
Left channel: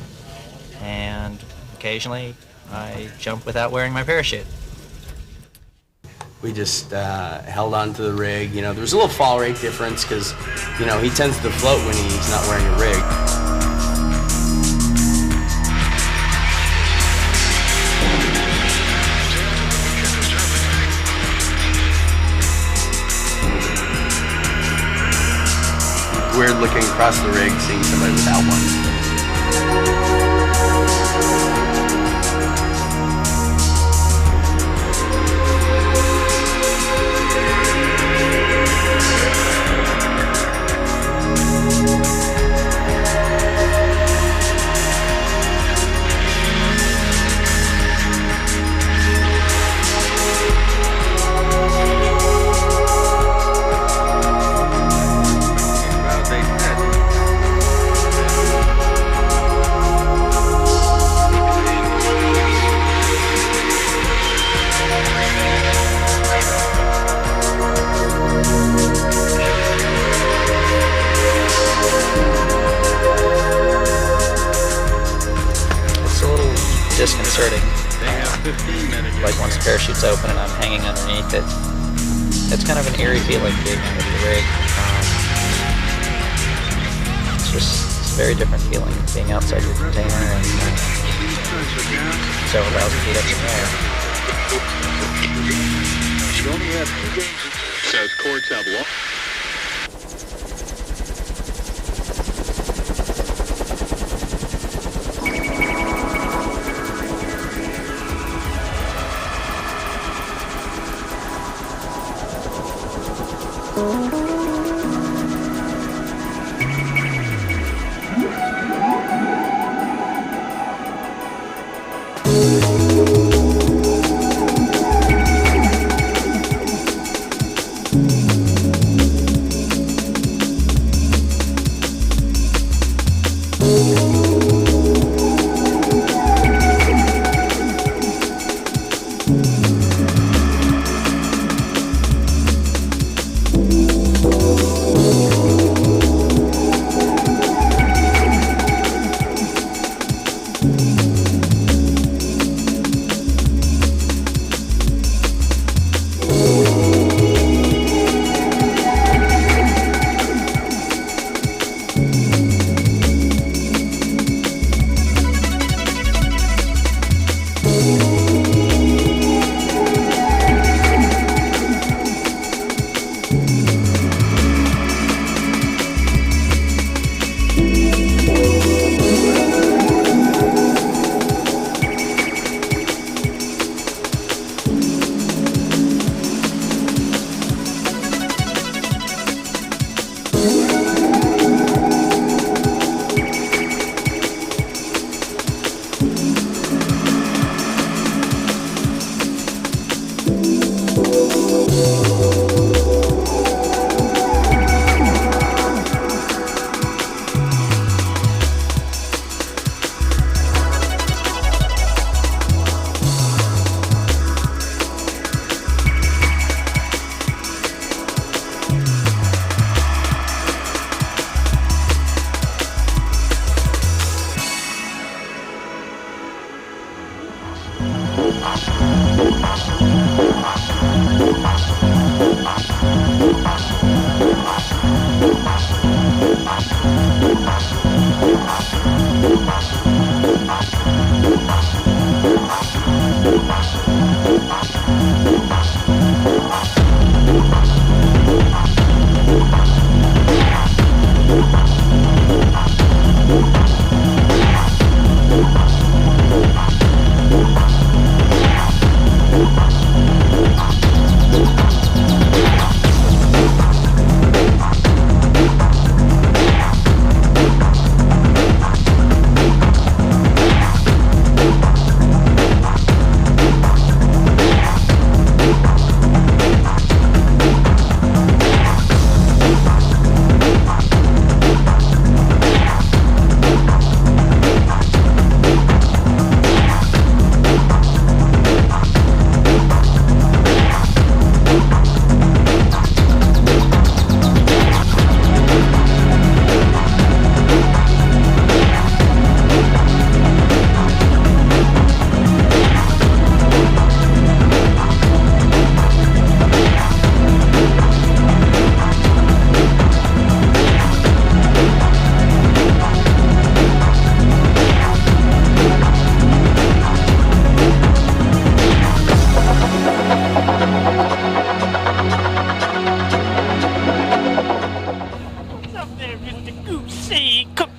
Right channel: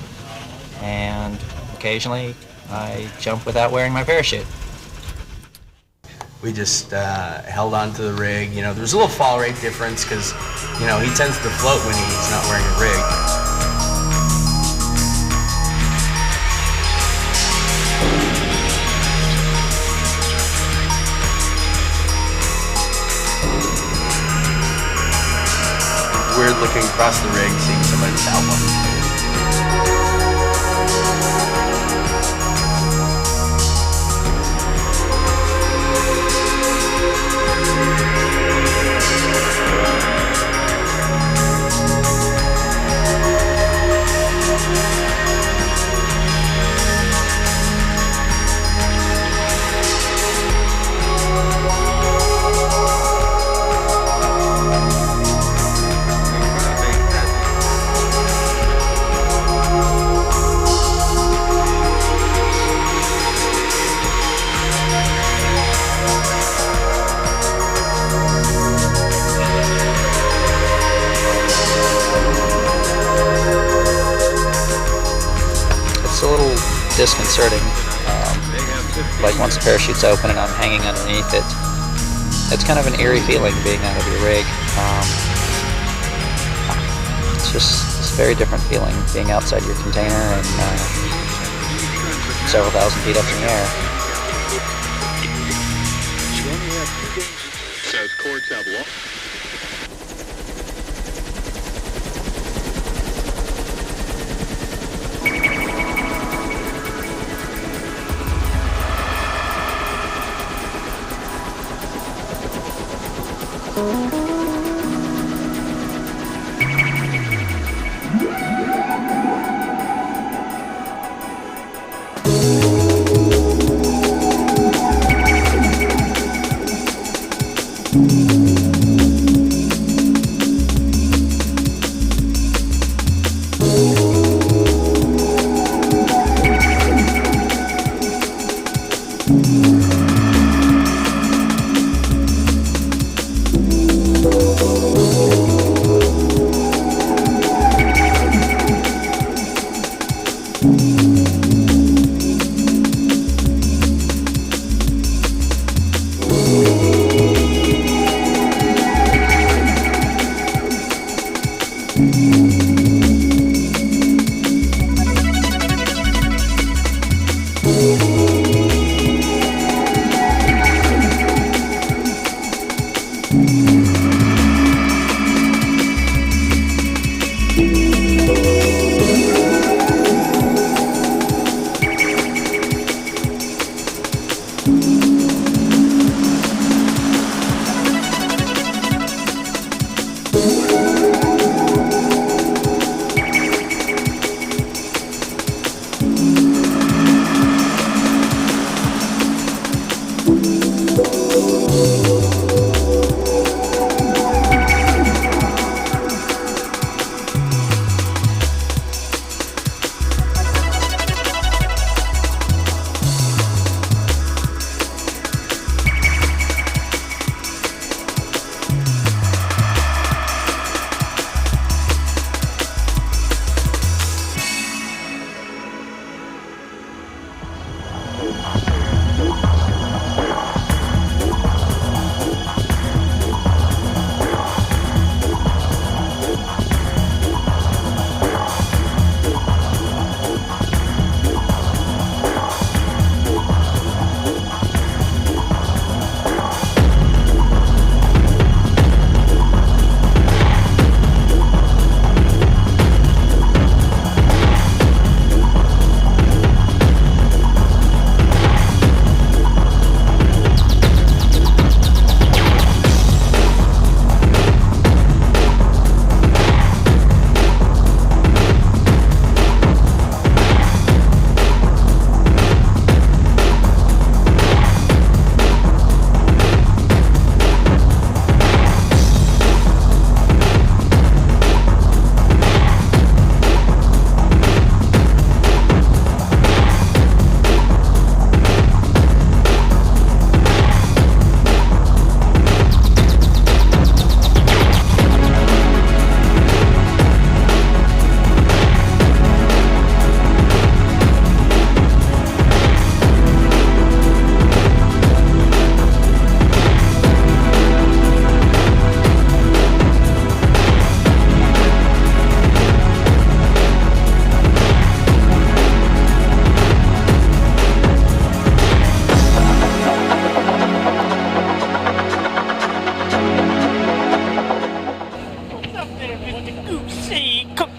and occasionally I jump without wearing my parachute. We just held on to the rig. You know, there's a little fall rate difference because, you know, he tends to float when he's not wearing a rig. Weird looking across the rig, seeing somebody without one. It's a little disconcerting. Like once the parachute's open and I'm hanging underneath it, it's kind of an eerie feeling being out of your rig. It's a very different feeling being outside your container and several thousand feet up in the air. You only have 2 games. Says courts have law.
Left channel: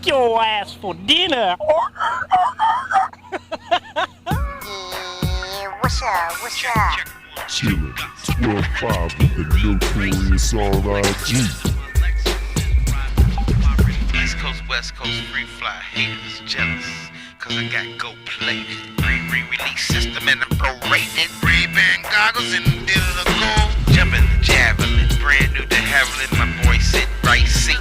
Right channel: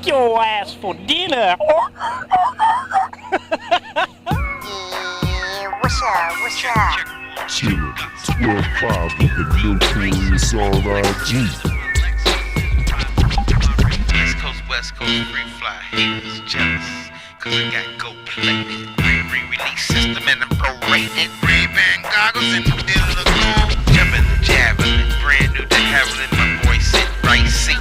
your ass for dinner. What's up? What's up? Chillin', 12-5 with the notorious R.I.G. East Coast, West Coast, Freefly haters jealous, cause I got gold-plated. Green release system and I'm prorated. Ray-Ban goggles and the deal of the gold. Jumping the javelin, brand new to Haviland, my boy sit right seat.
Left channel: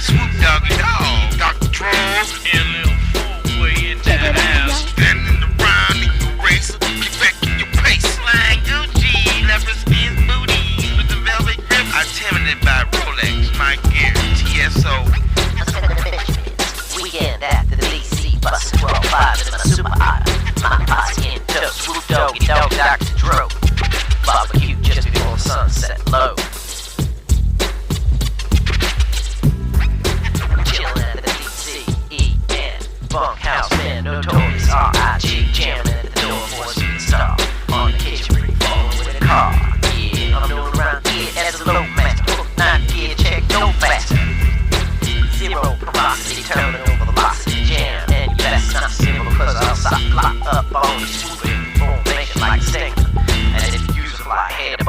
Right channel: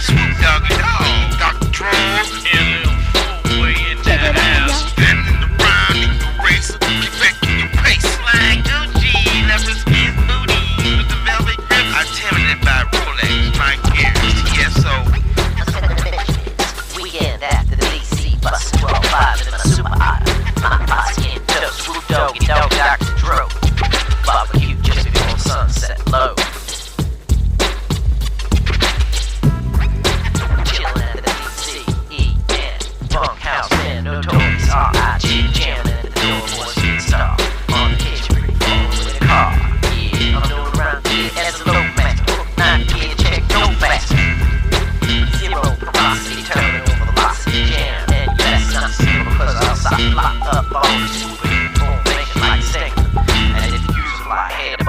Swoop doggy dog, Dr. Troll, and little four-way in that house. Standing around in your racer, get back in your pace. Like Gucci, leopard skin booty with the velvet grip. I'm timid by Rolex, my gear, TSO. Weekend after the DC, bus 12-5 in my super hot. My posse in tow, swoop doggy dog, Dr. Dro. Barbecue just before sunset low. Chillin' at the DCEN bunkhouse, man, notorious R.I.G. Jamming at the door for a speed star. On the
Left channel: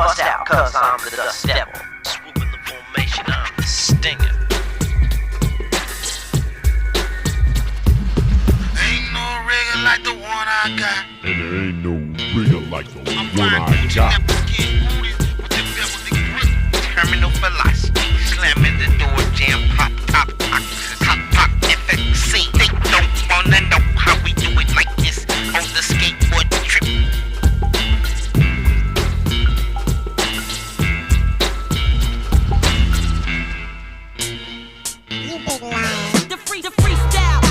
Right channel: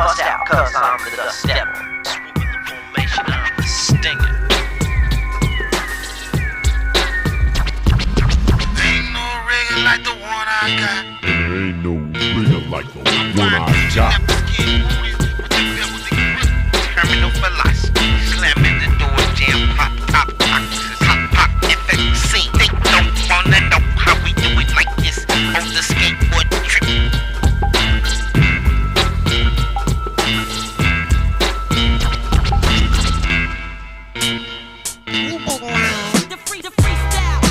bust out, cause I'm the dust devil. Swooping the formation, I'm the stinger. Ain't no rigger like the one I got. And there ain't no rigger like the one I got. Terminal philosophy, slamming the door, jam, pop, pop, pop, pop, pop, FXC. They don't wanna know how we do it like this on the skateboard trip. freestyle,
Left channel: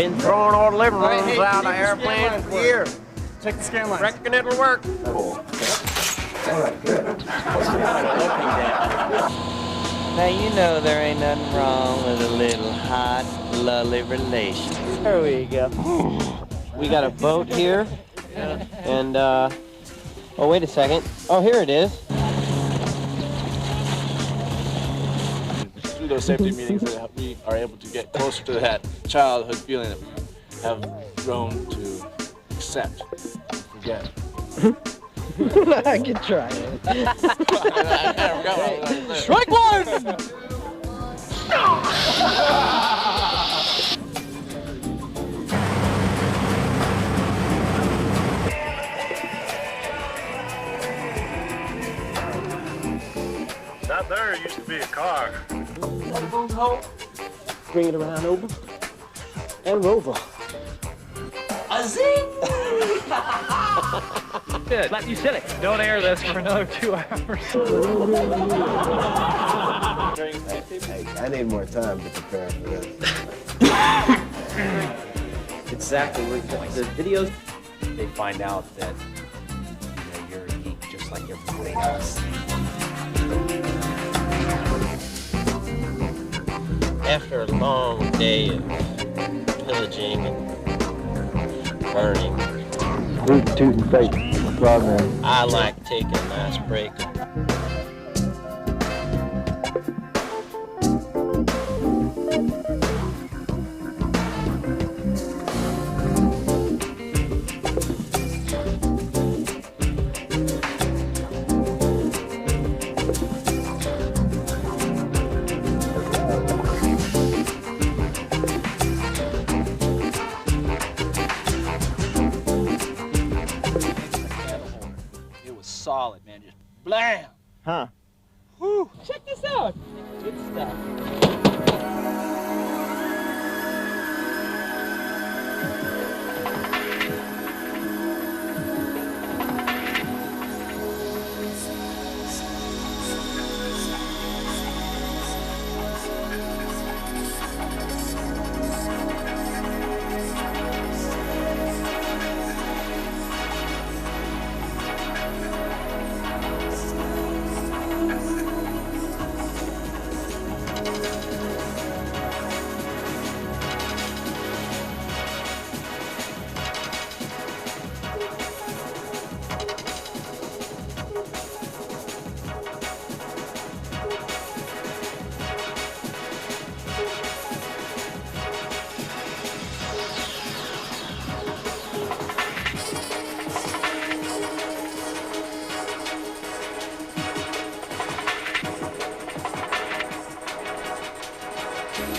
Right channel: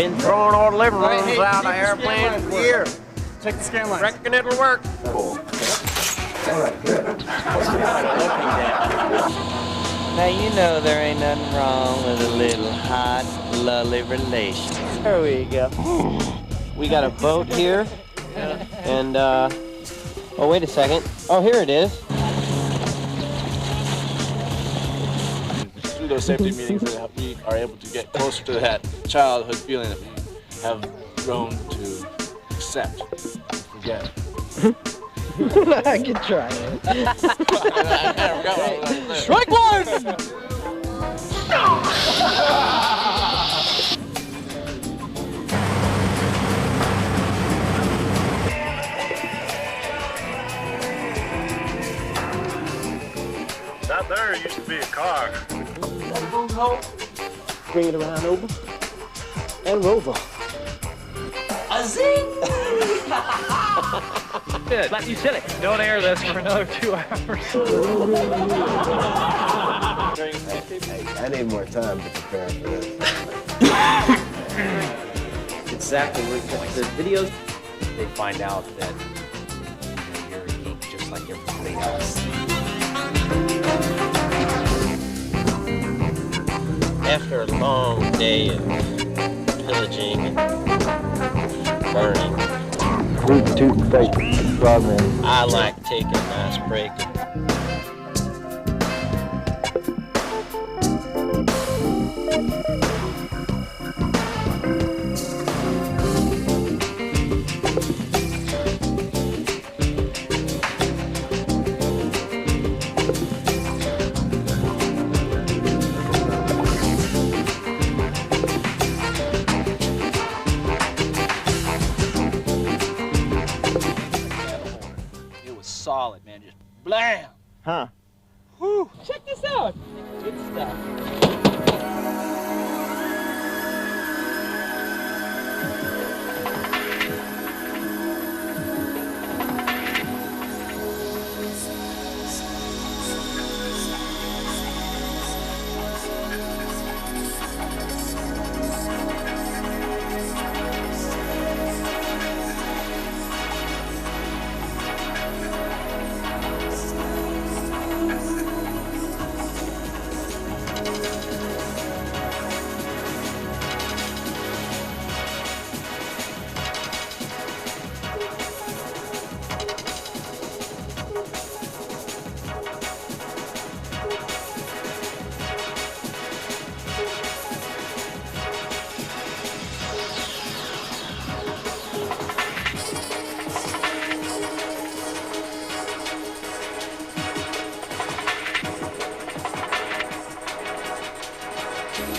Been throwing our living rooms out of airplanes for years. Check the scan lines. Reckon it'll work. Cool. All right, good. Now you know there ain't nothing wrong with a little hot, lovely relation. There we go. We got a boat here, and oh wait a second. Oh, here it is. Through those safety meetings that we are able to get closer to that childhood feeling that we have grown to accept and forget. I can try it. Strike one! Out there used to be a car. Bring it around over and over. A zing! Good. You silly. Don't air this for another 2 hours. I need more time to prepare for this. Exactly. The videos, they find out that you're a geek just like everybody else. After a long day of pillaging and burning, Rootin' tootin' fake progress. I like taking a nice break. Solid, man, just blam. Huh. Whew. Check this out. Good stuff.